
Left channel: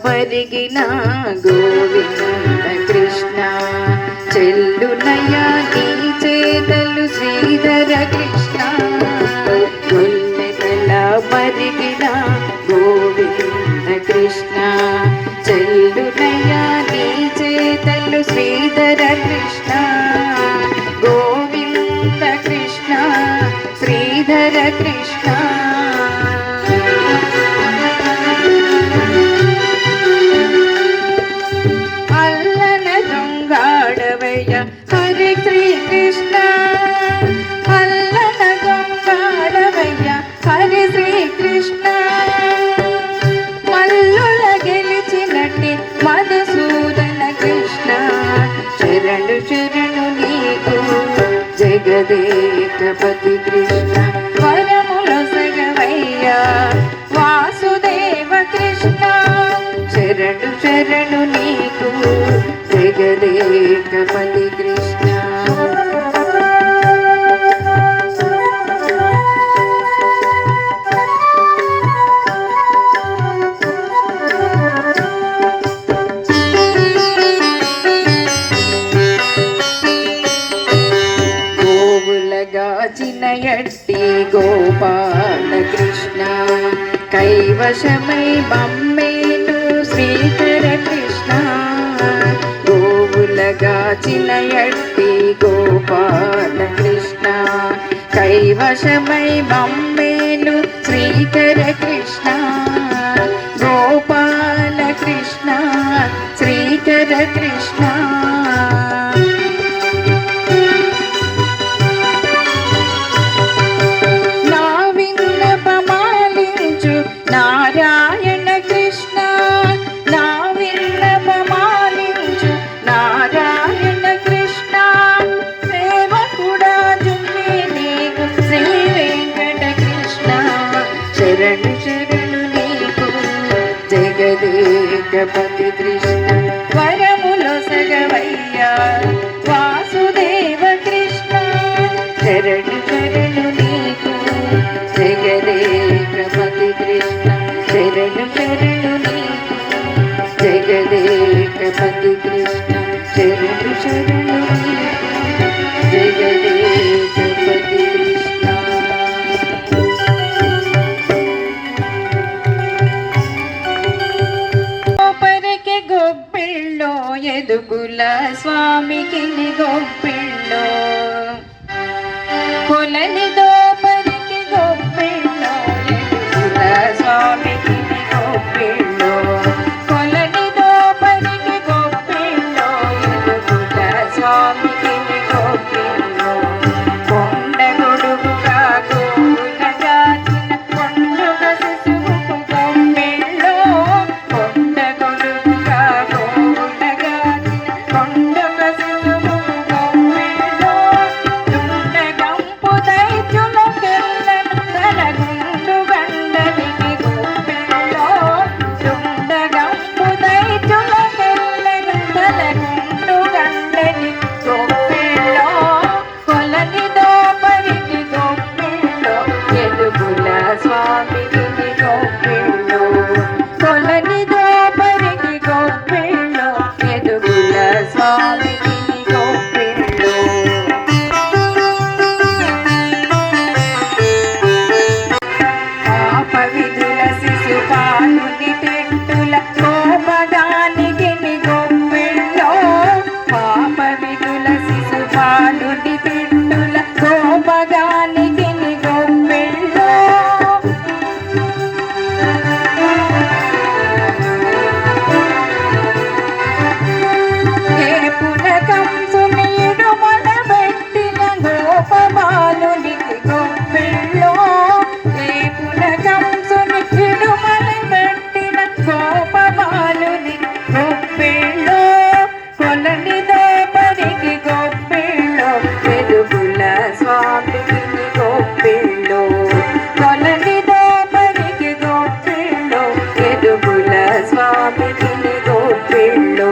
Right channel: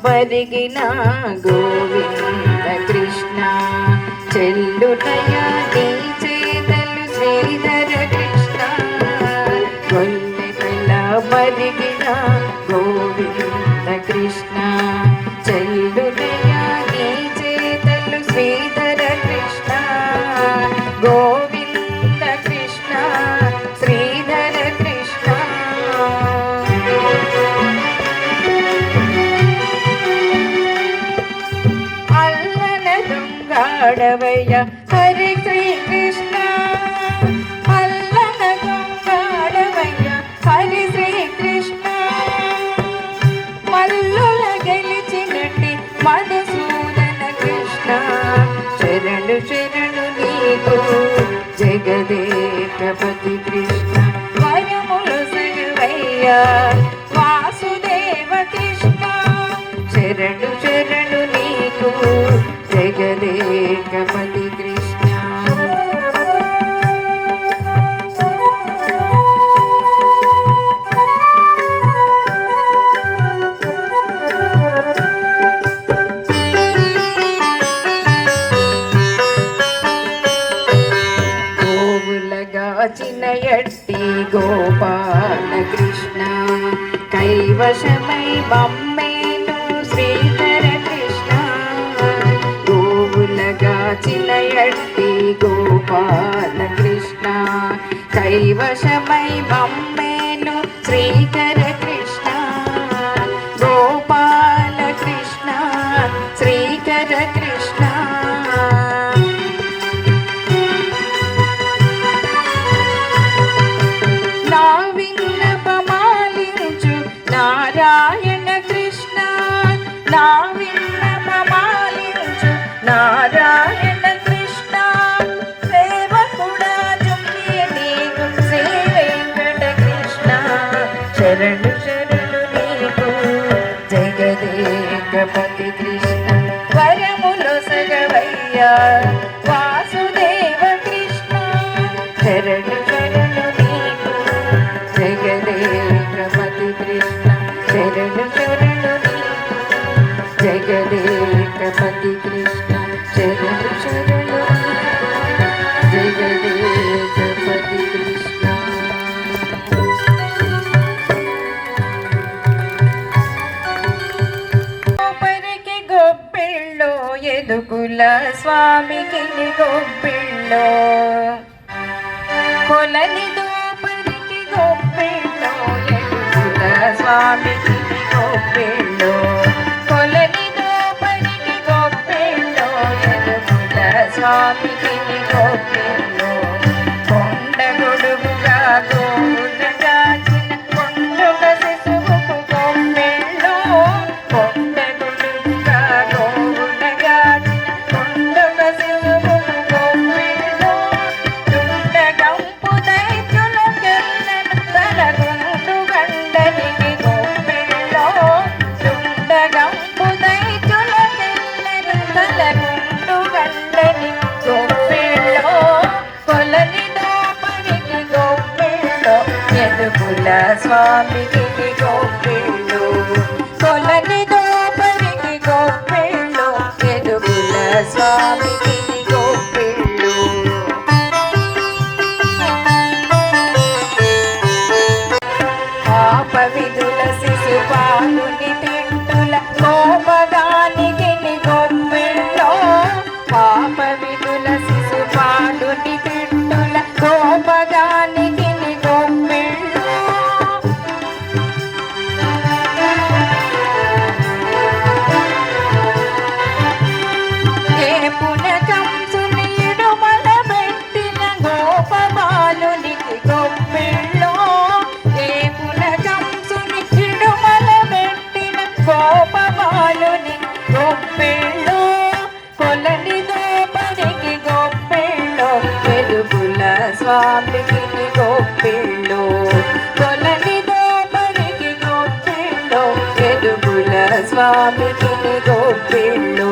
పరిగిన గోవింద కృష్ణ. చెల్లునయ్యా నీ చేతలు శ్రీధర కృష్ణ. కొల్లెతల పరిగిన గోవింద కృష్ణ. చెల్లునయ్యా నీ చేతలు శ్రీధర కృష్ణ. గోవింద కృష్ణ, శ్రీధర కృష్ణ. హరి శ్రీ కృష్ణ. అల్లన గంగాడవయ్య హరి శ్రీ కృష్ణ. మల్లుల గెలిచినట్టి మధుసూదన కృష్ణ. శరణు శరణు నీకు జగదేకపతి కృష్ణ. వరముల సగవయ్యా వాసుదేవ కృష్ణ. శరణు శరణు నీకు జగదేకపతి కృష్ణ. గోవులగాచిన ఎట్టి గోపాల కృష్ణ. కైవశమై మమ్మేను శ్రీధర కృష్ణ. గోవులగాచిన ఎట్టి గోపాల కృష్ణ. కైవశమై మమ్మేను శ్రీధర కృష్ణ. గోపాల శరణు శరణు నీకు జగదేకపతి కృష్ణ వరములో సగవయ్యా వాసుదేవ కృష్ణ శరణు శరణు నీకు జగదేకపతి కృష్ణ శరణు శరణు నీకు జగదేకపతి కృష్ణ శరణు శరణు నీకు జగదేకపతి కృష్ణ. పరికి గొప్పిళ్ళో ఎదుగుల స్వామికి గొప్పిళ్ళో కొలనిదో పరికి గొప్పిళ్ళో ఎదుగుల స్వామికి గొప్పిళ్ళో కొలనిదో పరికి గొప్పిళ్ళో ఎదుగుల స్వామికి గొప్పిళ్ళో కొండ గొడుగుగా గోవుల గాచిన కొండగ శిశువుకు గొప్పిళ్ళో కొండ గొడుగుగా గోవుల గాచిన కొండగ శిశువుకు గొప్పిళ్ళో దుండగంపు దైత్యుల కిల్లన తలగుండు గండనికి గొప్పిళ్ళో దుండగంపు దైత్యుల కిల్లన తలగుండు గండనికి గొప్పిళ్ళో కొలనిదో పరికి గొప్పిళ్ళో ఎదుగుల స్వామికి గొప్పిళ్ళో కొలనిదో పరికి గొప్పిళ్ళో ఎదుగుల స్వామికి గొప్పిళ్ళో. పాప విధుల శిశుపాలుని తిట్టుల కోపదానికి గొప్పిళ్ళో పాప విధుల శిశుపాలుని తిట్టుల కోపదానికి గొప్పిళ్ళో ఏ పునకంసుని ఇడుమల పెట్టిన గోపబాలునికి గొప్పిళ్ళో ఏ పునకంసుని ఇడుమల పెట్టిన గోపబాలునికి గొప్పిళ్ళో కొలనిదో పరికి గొప్పిళ్ళో ఎదుగుల స్వామికి గొప్పిళ్ళో కొలనిదో పరికి గొప్పిళ్ళో ఎదుగుల స్వామికి గొప్పిళ్ళో.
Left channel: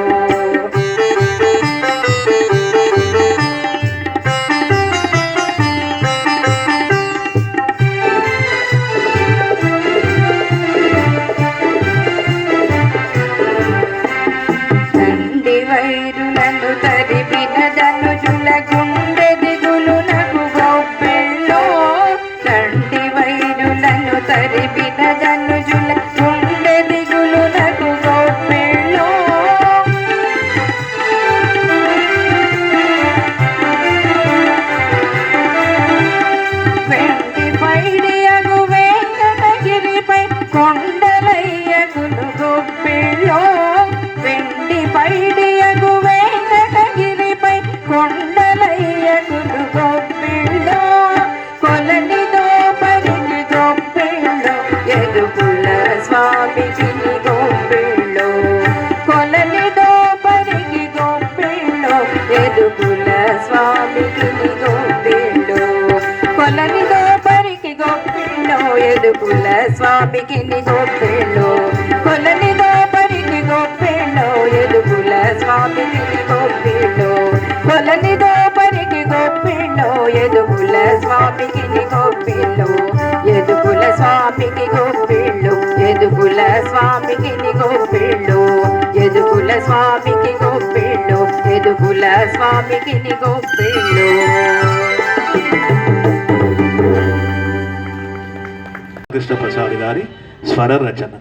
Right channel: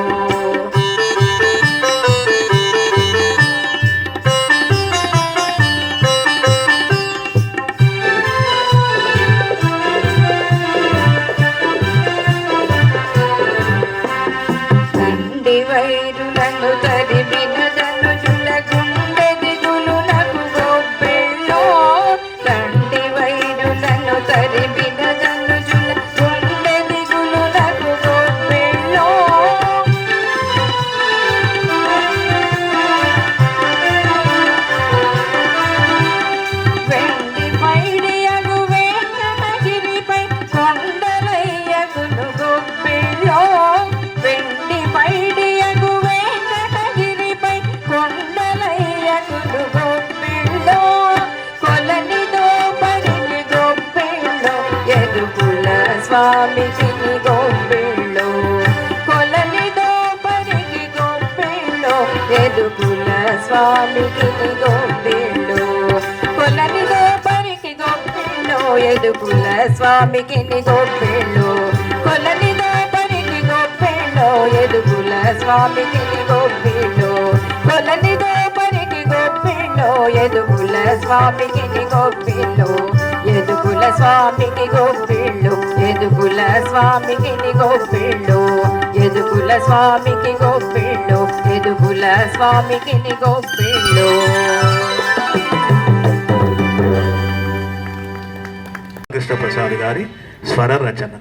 తండ్రి వైరులను తరిమిన ధనుజుల గుండె దిగులునకు గొప్పిళ్ళో తండ్రి వైరులను తరిమిన ధనుజుల గుండె దిగులునకు గొప్పిళ్ళో వెండి పైడియగు వెంకటగిరిపై కొండలయ్యగులు గొప్పిళ్ళో వెండి పైడియగు వెంకటగిరిపై కొండలయ్యగులు గొప్పిళ్ళో కొలనిదో పరికి గొప్పిళ్ళో ఎదుగుల స్వామికి గొప్పిళ్ళో కొలనిదో పరికి గొప్పిళ్ళో ఎదుగుల స్వామికి గొప్పిళ్ళో కొలనిదో పరికి గొప్పిళ్ళో ఎదుగుల స్వామికి గొప్పిళ్ళో కొలనిదో పరికి గొప్పిళ్ళో ఎదుగుల స్వామికి గొప్పిళ్ళో కొలనిదో పరికి గొప్పిళ్ళో ఎదుగుల స్వామికి గొప్పిళ్ళో ఎదుగుల స్వామికి గొప్పిళ్ళో ఎదుగుల స్వామికి గొప్పిళ్ళో ఎదుగుల స్వామికి గొప్పిళ్ళో ఎదుగుల స్వామికి గొప్పిళ్ళో. కృష్ణప్రసాద్ గారి స్వర రచన.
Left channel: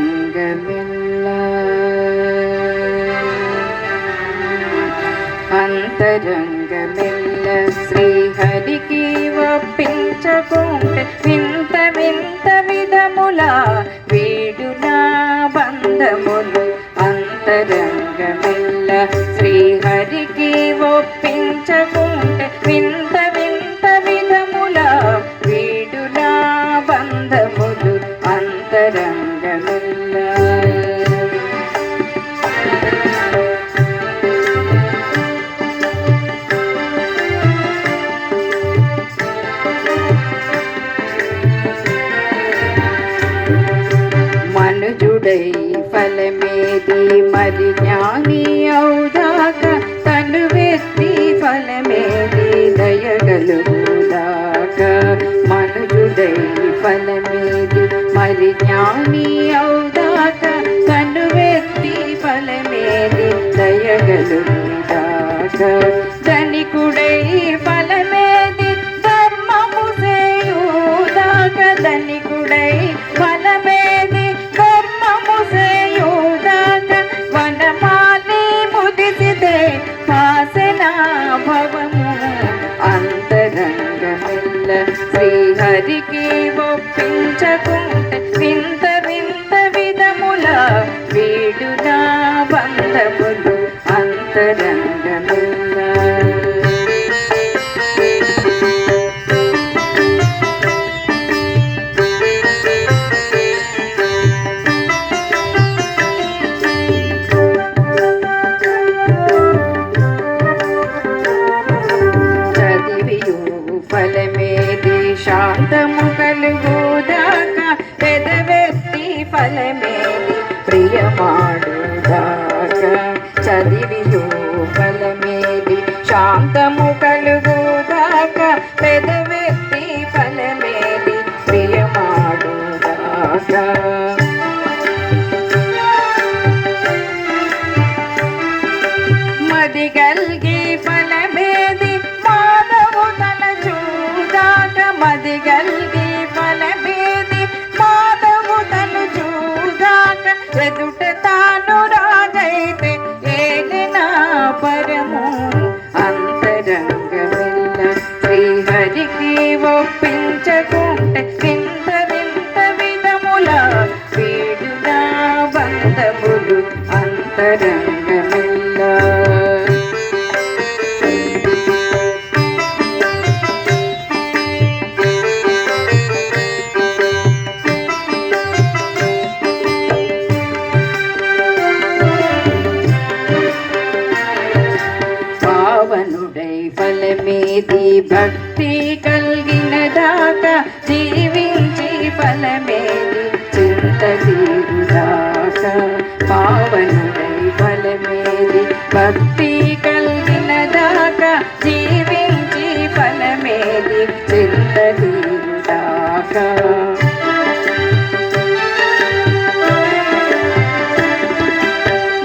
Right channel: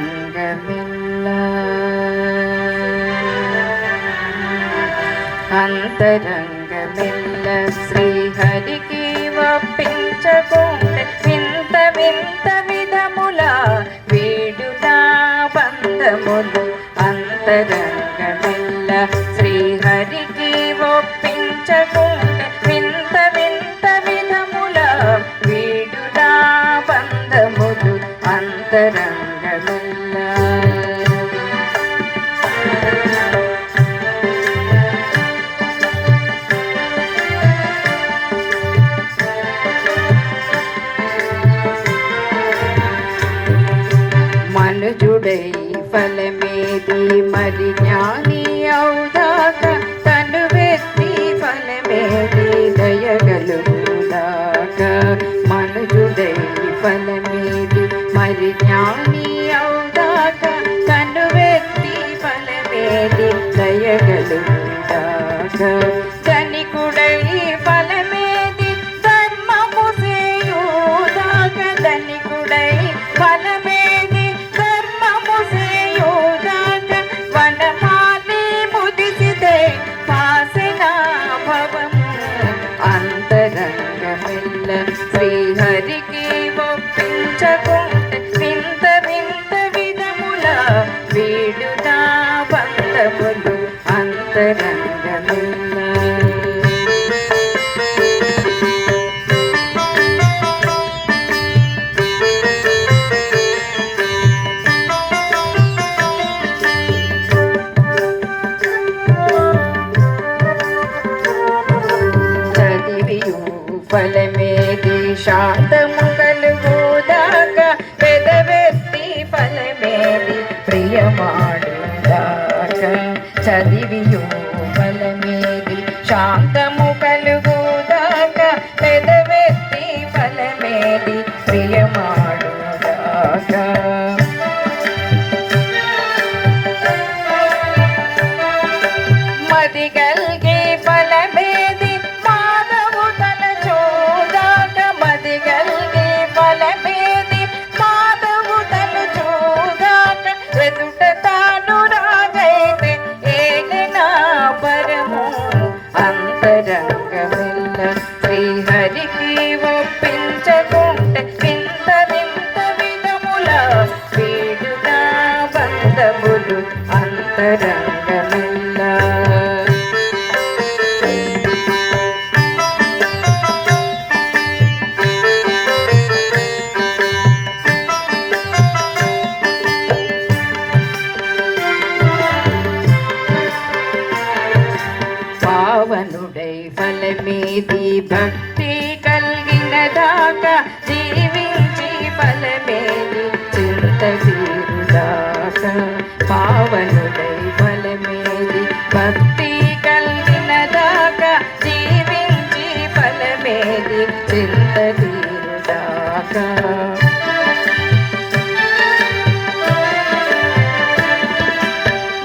అంతరంగమిల్ల అంతరంగమిల్ల శ్రీహరికి ఒప్పించకుంటే వింత వింత విధముల వేడునా బంధములు అంతరంగమిల్ల శ్రీహరికి ఒప్పించకుంటే వింత వింత విధముల వేడునా బంధములు అంతరంగమిల్ల. ధనికుడై ఫలమేది ధర్మము చేయుదాక ధనికుడై ఫలమేది ధర్మము చేయుదాక వనమాలి ముదిసితే వాసనా భవము అంతరంగమెల్ల శ్రీహరికి ఒప్పించకుంటే వింత వింత విధముల వీడునా బంధములు అంతరంగమెల్ల చదివియు ఫలమేది శాంతము కలుగుదాక పెదవెత్తి ఫలమేది ప్రియమాడుదాక చదివియు ఫలమేది శాంతము కలుగుదాక పెదవెత్తి ఫలమేది ప్రియమాడుదాక మది గల్గే ఫలమేది మాధవు తల చూదాక మది గల్గే ఫలమేది మాధవు తలు చూదాక ఎదుట తాను రాగైతే ఏలినా పరము అంతరంగమెల్ల శ్రీహరికి ఒప్పించకుంటే వింత వింత విధముల వీడునా బంధములు అంతరంగమెల్ల పావనుడై ఫలమేది భక్తి కలిగిన దాకా జీవించి ఫలమేది చింత తీరుదాకా పావనుడై ఫలమేది భక్తి కలిగిన దాకా జీవించి ఫలమేది చింత తీరుదాకా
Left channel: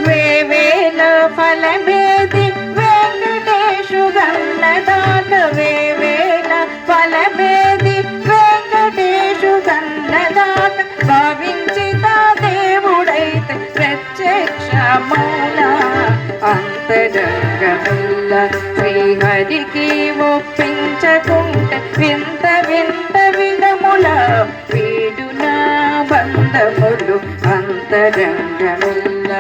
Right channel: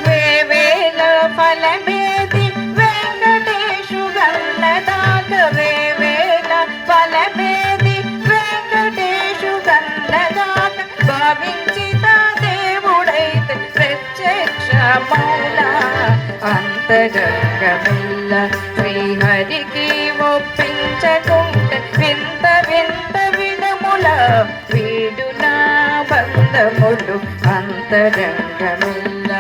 వేవేల ఫలమేది వెంకటేశు గన్నదాక వేవేల ఫలమేది వెంకటేశు గన్నదాక భావించిత దేవుడైతే ప్రత్యక్ష మౌన అంతరంగమెల్ల శ్రీహరికి ఒప్పించకుంటే వింత వింత విధముల వీడునా బంధములు అంతరంగమెల్ల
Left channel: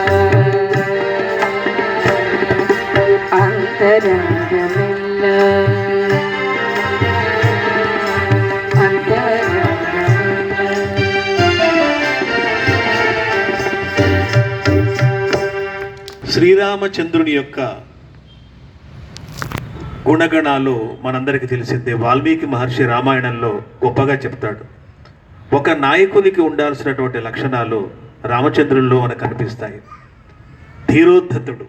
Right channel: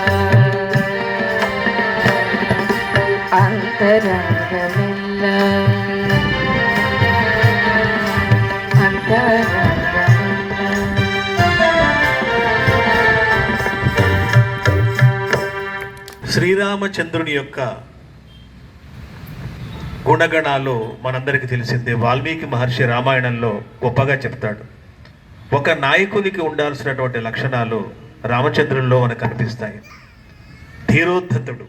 అంతరంగమెల్ల శ్రీరామచంద్రుని యొక్క గుణగణాలు మనందరికీ తెలిసిందే. వాల్మీకి మహర్షి రామాయణంలో గొప్పగా చెప్తాడు. ఒక నాయకునికి ఉండాల్సినటువంటి లక్షణాలు రామచంద్రుల్లో మనకు కనిపిస్తాయి. ధీరోద్ధతుడు,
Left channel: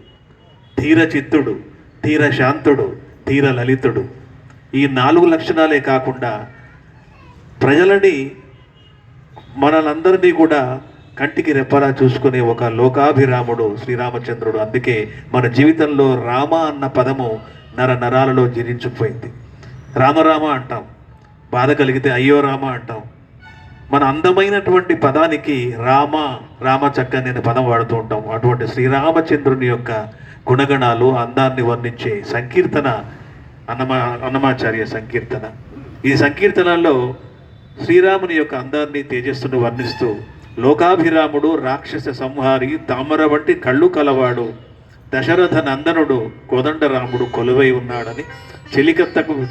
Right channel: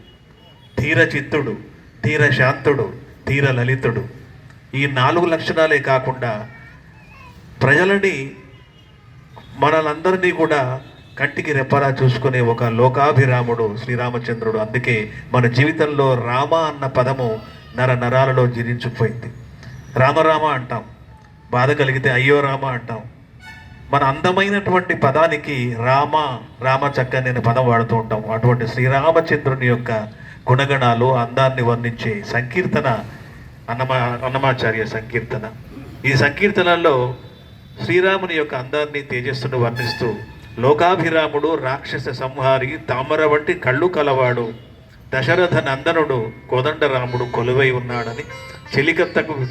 ధీరచిత్తుడు, ధీరశాంతుడు, ధీర లలితుడు. ఈ 4 లక్షణాలే కాకుండా ప్రజలని మనలందరినీ కూడా కంటికి రెప్పలా చూసుకునే ఒక లోకాభిరాముడు శ్రీరామచంద్రుడు. అందుకే మన జీవితంలో రామ అన్న పదము నర నరాలలో జీర్ణించుకుపోయింది. రామరామ అంటాం, బాధ కలిగితే అయ్యో రామ అంటాం. మన అందమైనటువంటి పదానికి రామ రామ చక్కని అనే పదం వాడుతూ ఉంటాం. అటువంటి శ్రీరామచంద్రుని యొక్క గుణగణాలు అందాన్ని వర్ణించే సంకీర్తన అన్నమాచార్య సంకీర్తన. ఈ సంకీర్తనలో శ్రీరాముని యొక్క అందాన్ని తేజస్సును వర్ణిస్తూ లోకాభిరాముడు, రాక్షస సంహారి, తామర వంటి కళ్ళు కలవాడు, దశరథ నందనుడు, కోదండరాముడు కొలువై ఉన్నాడని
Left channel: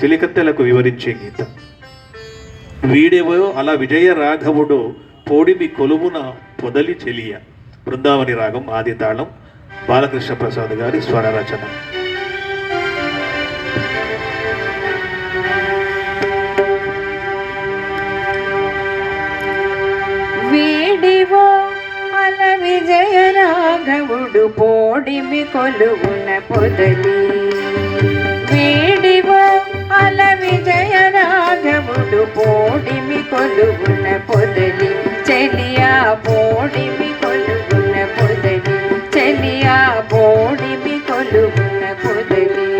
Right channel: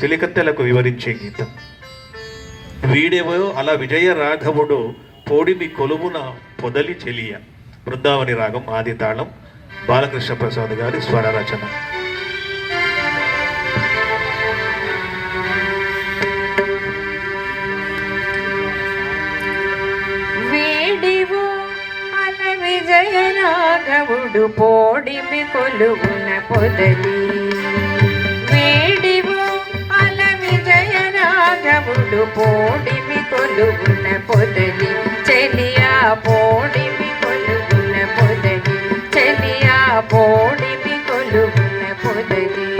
చెలికత్తెలకు వివరించే గీతం. వీడేవో అలా విజయ రాఘవుడు పోడిమి కొలువున పొదలి చెలియ. బృందావని రాగం ఆది తాళం, బాలకృష్ణ ప్రసాద్ గారి స్వర రచన. వీడివో అల విజయ రాఘవుడు పోడిమి కొలువున పొదలి. వీడివో అల విజయ రాఘవుడు పోడిమి కొలువున పొదలి. చెలియా పోడిమి కొలువున పొదలి, చెలియా పోడిమి కొలువున పొదలి.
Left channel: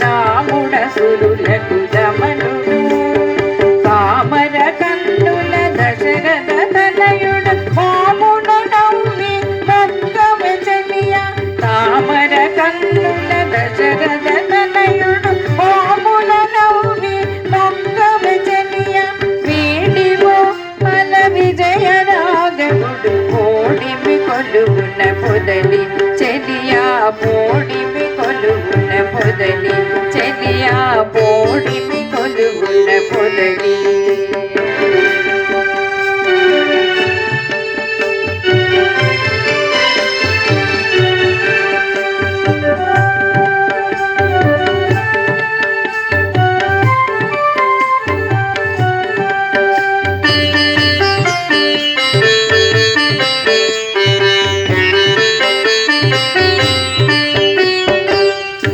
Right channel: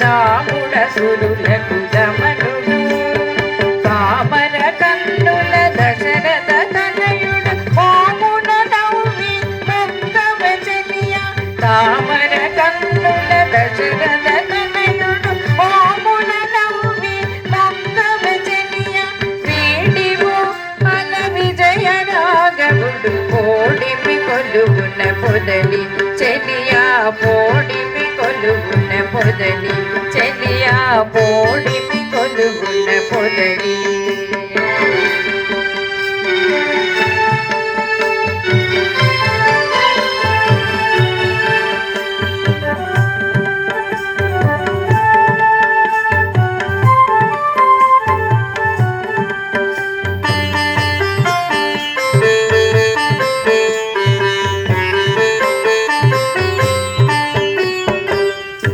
దాముడ సురులకు దమనుడు పామర కన్నుల దశరథ తనయుడు పామున నవ్వి మంగమ చెలియ తామర కన్నుల దశరథ తనయుడు పామున నవ్వి మంగమ చెలియ వేడివో ఫల విజయ రాఘవుడు కోడిమి కొలుగున పొదలి చెలియా పోడిమి కొలుగున పొదలి చెలియా పోడిమి కొలుగున పొదలి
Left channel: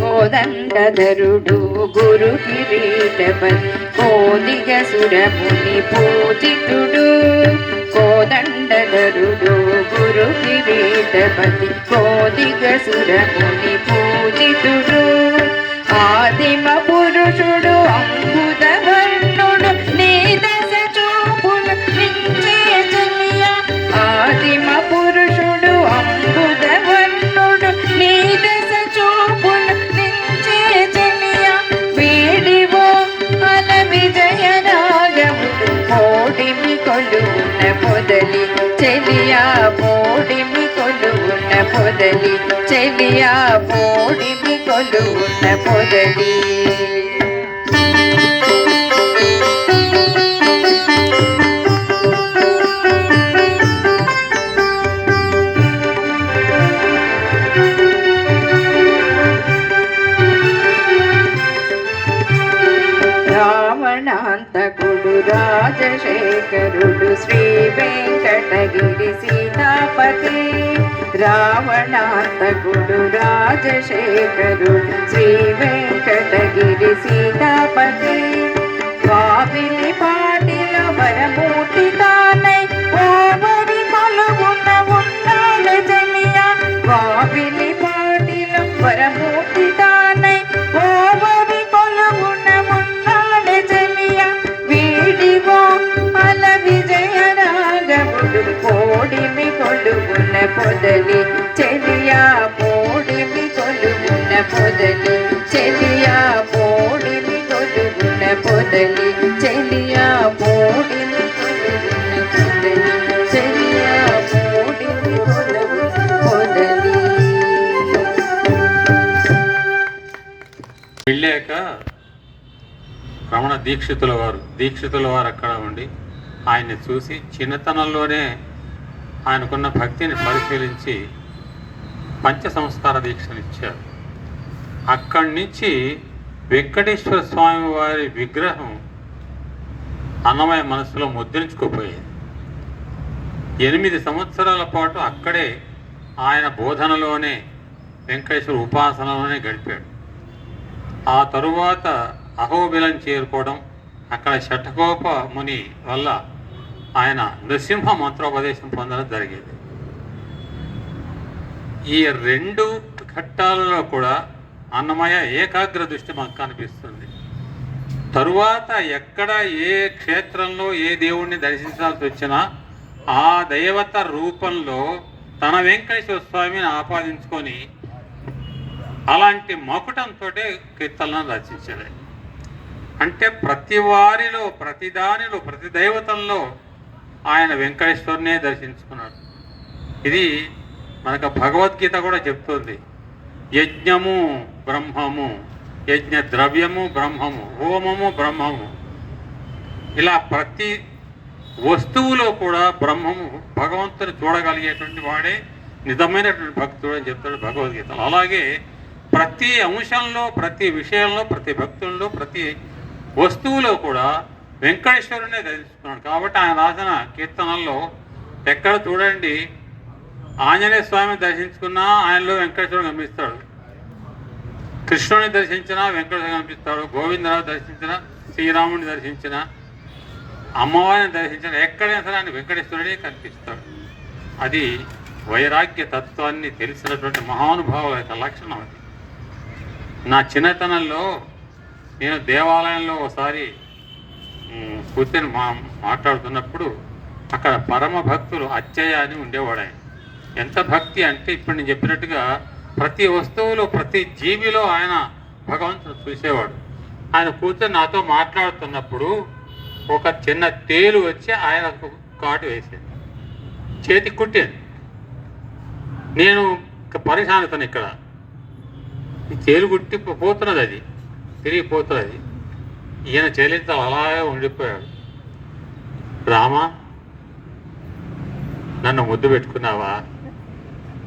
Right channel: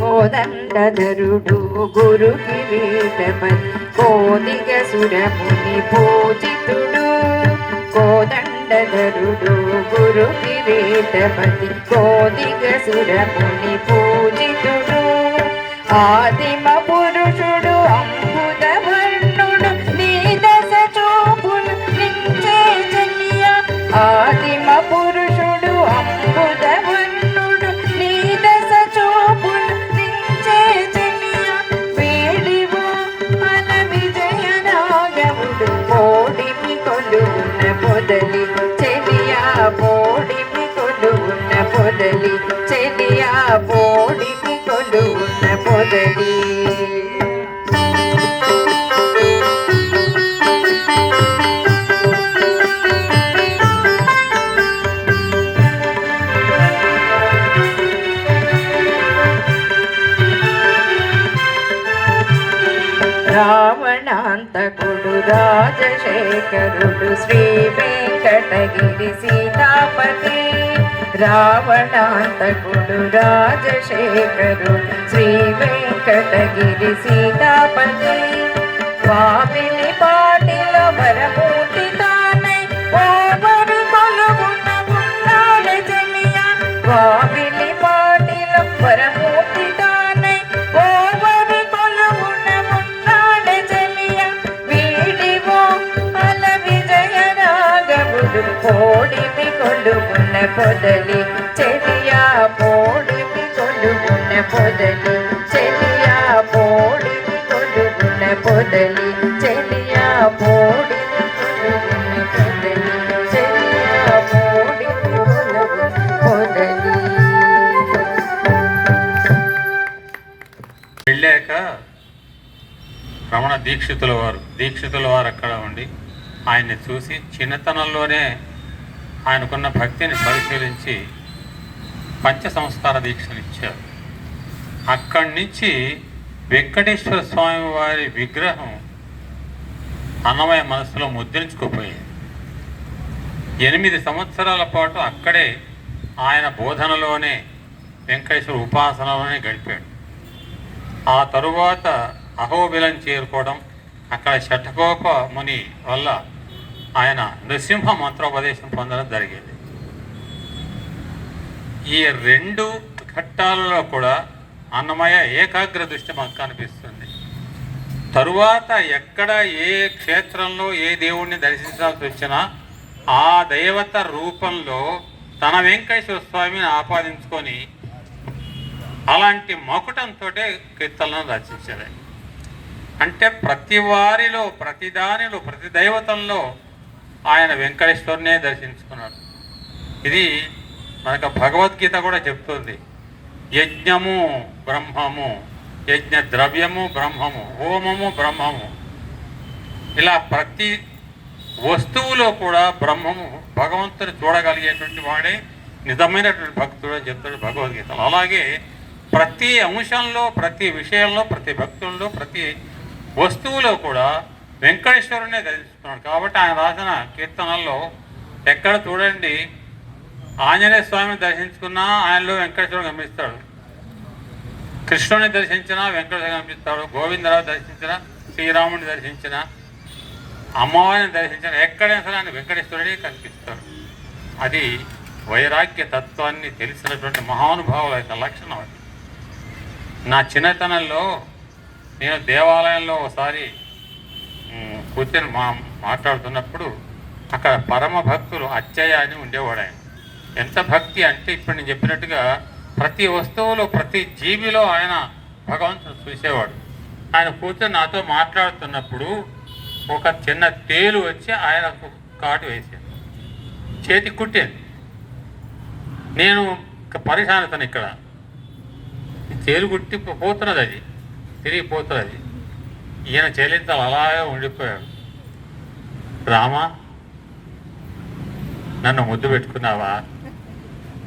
కోదండధరుడు గురు కిరీటపతి కోదిగ సురముని పూజితుడు కోదండధరుడు గురు కిరీటపతి కోదిగ సురముని పూజితుడు ఆదిమ పురుషుడు అంబుద వర్ణుడు నీ దశ చూపులు నించే చెలియ ఆదిమ పురుషుడు అంబుద వర్ణుడు నీ దశ చూపులు నించే చెలియ వేడివో ఫల విజయ రాఘవుడు పోడిమి కొలుగున పొదలి చెలియా పోడిమి కొలుగున పొదలి చెలియా పోడిమి కొలుగున పొదలి రావణాంతకుడు రాజశేఖరుడు శ్రీ వెంకటగిరి సీతాపతి రావణాంతకుడు రాజశేఖరుడు శ్రీ వెంకటగిరి సీతాపతి వావిలి పాటిల వరమూర్తి తానై ఓవరి కొలుగున ఉన్నాడు చెలియ వావిలి పాటిల వరమూర్తి తానై ఓవరి కొలుగున ఉన్నాడు చెలియ వేడివో ఫల విజయ రాఘవుడు పోడిమి కొలుగున పొదలి చెలియా పోడిమి కొలుగున పొదలి చెలియా పోడిమి కొలుగున పొదలి చెలియా పోడిమి కొలుగున పొదలి చెలియా పోడిమి కొలుగున పొదలి వెళ్ళాక రమణ దీక్షితుల వారు అక్కడ ఉండి ఆయన్ని చూసి చిన్నతనంలోనే ఆయనకున్న భక్తిని పరిశీలించి పంచ సంస్కార దీక్షలు ఇచ్చారు. అక్కడి నుంచి వెంకటేశ్వర స్వామి వారి విగ్రహం అన్నమయ్య మనసులో ముద్రించుకుపోయింది. 8 సంవత్సరాల పాటు అక్కడే ఆయన బోధనలోనే వెంకటేశ్వర ఉపాసనలోనే గడిపాడు. ఆ తరువాత అహోబిలం చేరుకోవడం, అక్కడ షఠకోప ముని వల్ల ఆయన నృసింహ మంత్రోపదేశం పొందడం జరిగింది. ఈ 2 ఘట్టాలలో కూడా అన్నమయ్య ఏకాగ్ర దృష్టి మనకు కనిపిస్తుంది. తరువాత ఎక్కడ ఏ క్షేత్రంలో ఏ దేవుణ్ణి దర్శించాల్సి వచ్చినా ఆ దైవత రూపంలో తన వెంకటేశ్వర స్వామిని ఆపాదించుకొని అలాంటి మకుటంతో కీర్తనలను రచించారు. అంటే ప్రతి వారిలో, ప్రతి దానిలో, ప్రతి దైవతంలో ఆయన వెంకటేశ్వరునే దర్శించుకున్నాడు. ఇది మనకు భగవద్గీత కూడా చెప్తుంది. యజ్ఞము బ్రహ్మము, యజ్ఞ ద్రవ్యము బ్రహ్మము, హోమము బ్రహ్మము. ఇలా ప్రతి వస్తువులో కూడా బ్రహ్మము, భగవంతుని చూడగలిగేటువంటి వాడే నిజమైనటువంటి భక్తుడు అని చెప్తాడు భగవద్గీతలో. అలాగే ప్రతి అంశంలో, ప్రతి విషయంలో, ప్రతి భక్తుల్లో, ప్రతి వస్తువులో కూడా వెంకటేశ్వరునే దర్శించుకున్నాడు. కాబట్టి ఆయన రాసిన కీర్తనల్లో ఎక్కడ చూడండి ఆంజనేయ స్వామిని దర్శించుకున్నా ఆయనలో వెంకటేశ్వరుడు కనిపిస్తాడు, కృష్ణుని దర్శించినా వెంకటేశ్వరుడు కనిపిస్తాడు, గోవిందరావు దర్శించిన, శ్రీరాముని దర్శించిన, అమ్మవారిని దర్శించిన, ఎక్కడైనా సరే ఆయన వెంకటేశ్వరుడే కనిపిస్తాడు. అది వైరాగ్య తత్వాన్ని తెలిసినటువంటి మహానుభావుల యొక్క లక్షణం. అది నా చిన్నతనంలో నేను దేవాలయంలో ఒకసారి కూర్చొని మాట్లాడుతున్నప్పుడు అక్కడ పరమ భక్తులు అచ్చయ్య అని ఉండేవాడు. ఆయన ఎంత భక్తి అంటే ఇప్పుడు నేను చెప్పినట్టుగా ప్రతి వస్తువులో ప్రతి జీవిలో ఆయన భగవంతుడు చూసేవాడు. ఆయన కూర్చొని నాతో మాట్లాడుతున్నప్పుడు ఒక చిన్న తేలు వచ్చి ఆయనకు కాటు వేసింది, చేతి కుట్టింది. నేను పరిశానతను ఇక్కడ ఈ తేలు కుట్టి పోతున్నది, అది తిరిగిపోతున్నది. ఈయన చెల్లింతలు అలాగే ఉండిపోయాడు. రామా, నన్ను ముద్దు పెట్టుకున్నావా,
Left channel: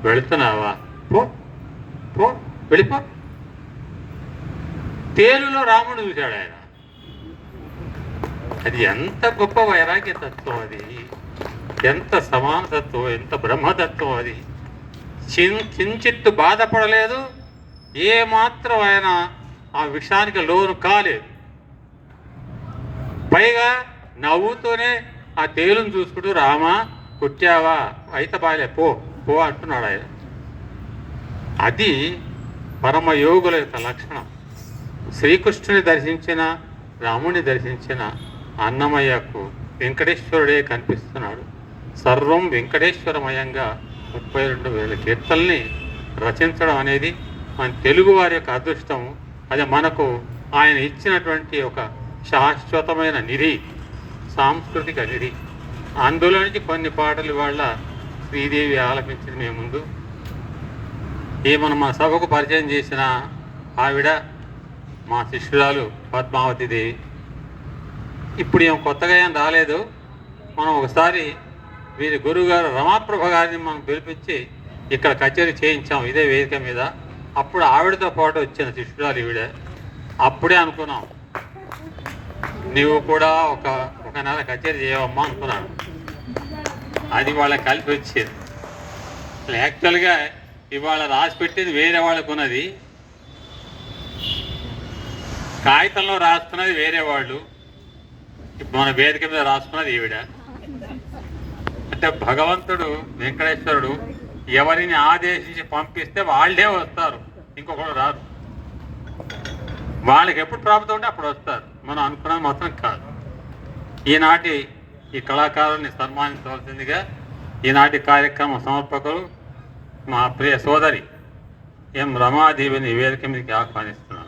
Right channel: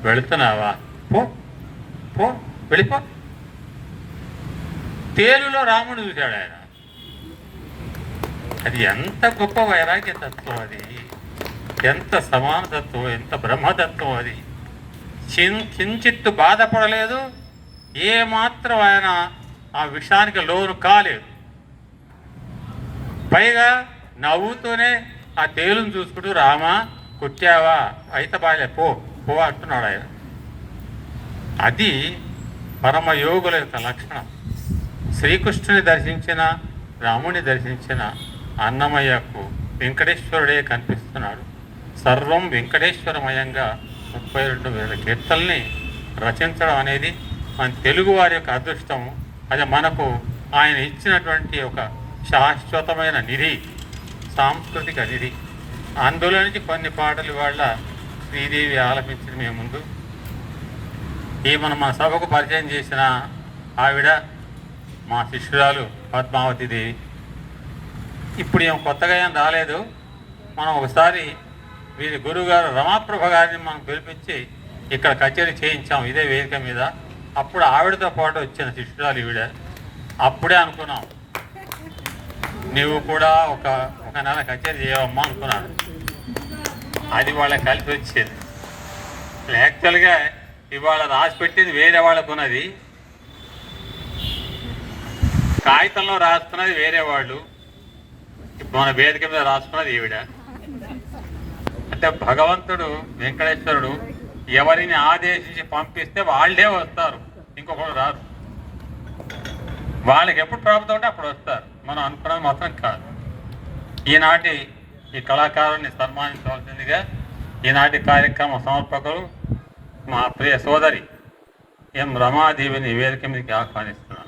వెళుతున్నావా, పో పో వెళ్ళిపో. తేలులో రాముడు చూశాడు ఆయన. అది ఎంత గొప్ప వైరాగ్య తత్వం, అది ఎంత సమానతత్వం, ఎంత బ్రహ్మతత్వం. అది కించిత్తు బాధపడలేదు, ఏమాత్రం ఆయన ఆ విషయానికి లోను కాలేదు. పైగా నవ్వుతూనే ఆ తేలును చూసుకుంటూ రామా కుట్టావా అయితే బాలే పో పో అంటున్నాడు ఆయన. అది పరమయోగుల యొక్క లక్షణం. శ్రీకృష్ణుని దర్శించిన, రాముని దర్శించిన అన్నమయ్యకు వెంకటేశ్వరుడే కనిపిస్తున్నాడు. సర్వం వెంకటేశ్వరమయంగా 32,000 కీర్తనల్ని రచించడం అనేది మన తెలుగు వారి యొక్క అదృష్టం. అది మనకు ఆయన ఇచ్చినటువంటి ఒక శాశ్వతమైన నిధి, సాంస్కృతిక నిధి. అందులో నుంచి కొన్ని పాటలు వాళ్ళ శ్రీదేవి ఆలపించింది మేము ముందు. మన సభకు పరిచయం చేసిన ఆవిడ మా శిష్యురాలు పద్మావతి దేవి. ఇప్పుడు ఏం కొత్తగా ఏం రాలేదు. మనం ఒకసారి వీరి గురువుగారు రమాప్రభ గారిని మనం పిలిపించి ఇక్కడ కచేరీ చేయించాం ఇదే వేదిక మీద. అప్పుడు ఆవిడతో పాటు వచ్చిన శిష్యురాలు ఈవిడ. అప్పుడే అనుకున్నాం నీవు కూడా ఒక నెల కచేరీ చేయవమ్మా అనుకున్నాడు. అది వాళ్ళకి కలిసి వచ్చేది. యాక్చువల్గా ఇవాళ రాసి పెట్టేది వేరే వాళ్ళకు ఉన్నది, కాగితంలో రాసుకున్నది వేరే వాళ్ళు, మన వేదిక మీద రాసుకున్నది ఈవిడ. అంటే భగవంతుడు వెంకటేశ్వరుడు ఎవరిని ఆదేశించి పంపిస్తే వాళ్ళే వస్తారు, ఇంకొకరు రారు. వాళ్ళకి ఎప్పుడు ప్రాప్తం ఉంటే అప్పుడు వస్తారు, మనం అనుకున్నది మాత్రం కాదు. ఈనాటి ఈ కళాకారుని సన్మానించవలసిందిగా ఈనాటి కార్యక్రమ సమర్పకులు మా ప్రియ సోదరి ఎం రమాదేవిని వేదిక మీదకి ఆహ్వానిస్తున్నాను.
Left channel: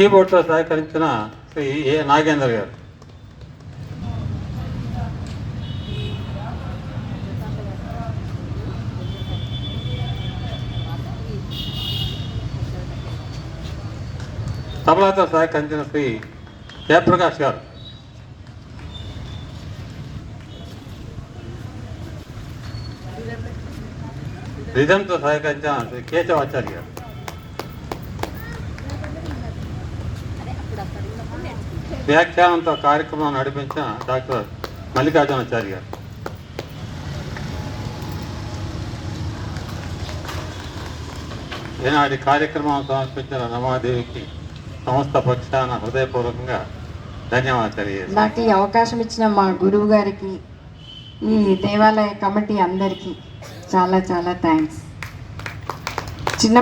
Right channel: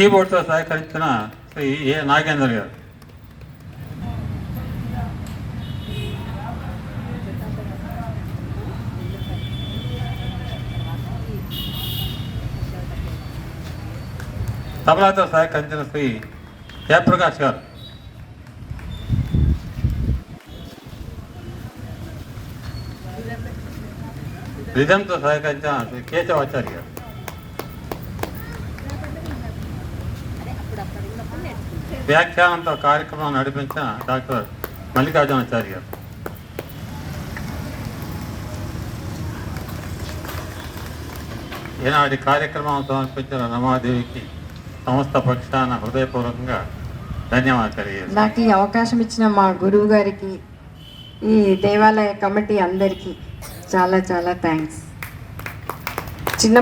కీబోర్డ్తో సహకరించిన శ్రీ ఏ నాగేంద్ర గారు, తబలాతో సహకరించిన శ్రీ జయప్రకాష్ గారు, రిధంతో సహకరించిన శ్రీ కేశవాచార్య గారు, వ్యాఖ్యానంతో కార్యక్రమాన్ని నడిపించిన డాక్టర్ మల్లికార్జునాచారి గారు, ఈనాటి కార్యక్రమం సమర్పించిన రమాదేవికి సంస్థ పక్షాన హృదయపూర్వకంగా ధన్యవాదాలు తెలియజేస్తాను. నాకు ఈ అవకాశం ఇచ్చిన మా గురువు గారికి, ఈ దేవాలయ కమిటీ అందరికీ చాలా చాలా థ్యాంక్స్. చిన్న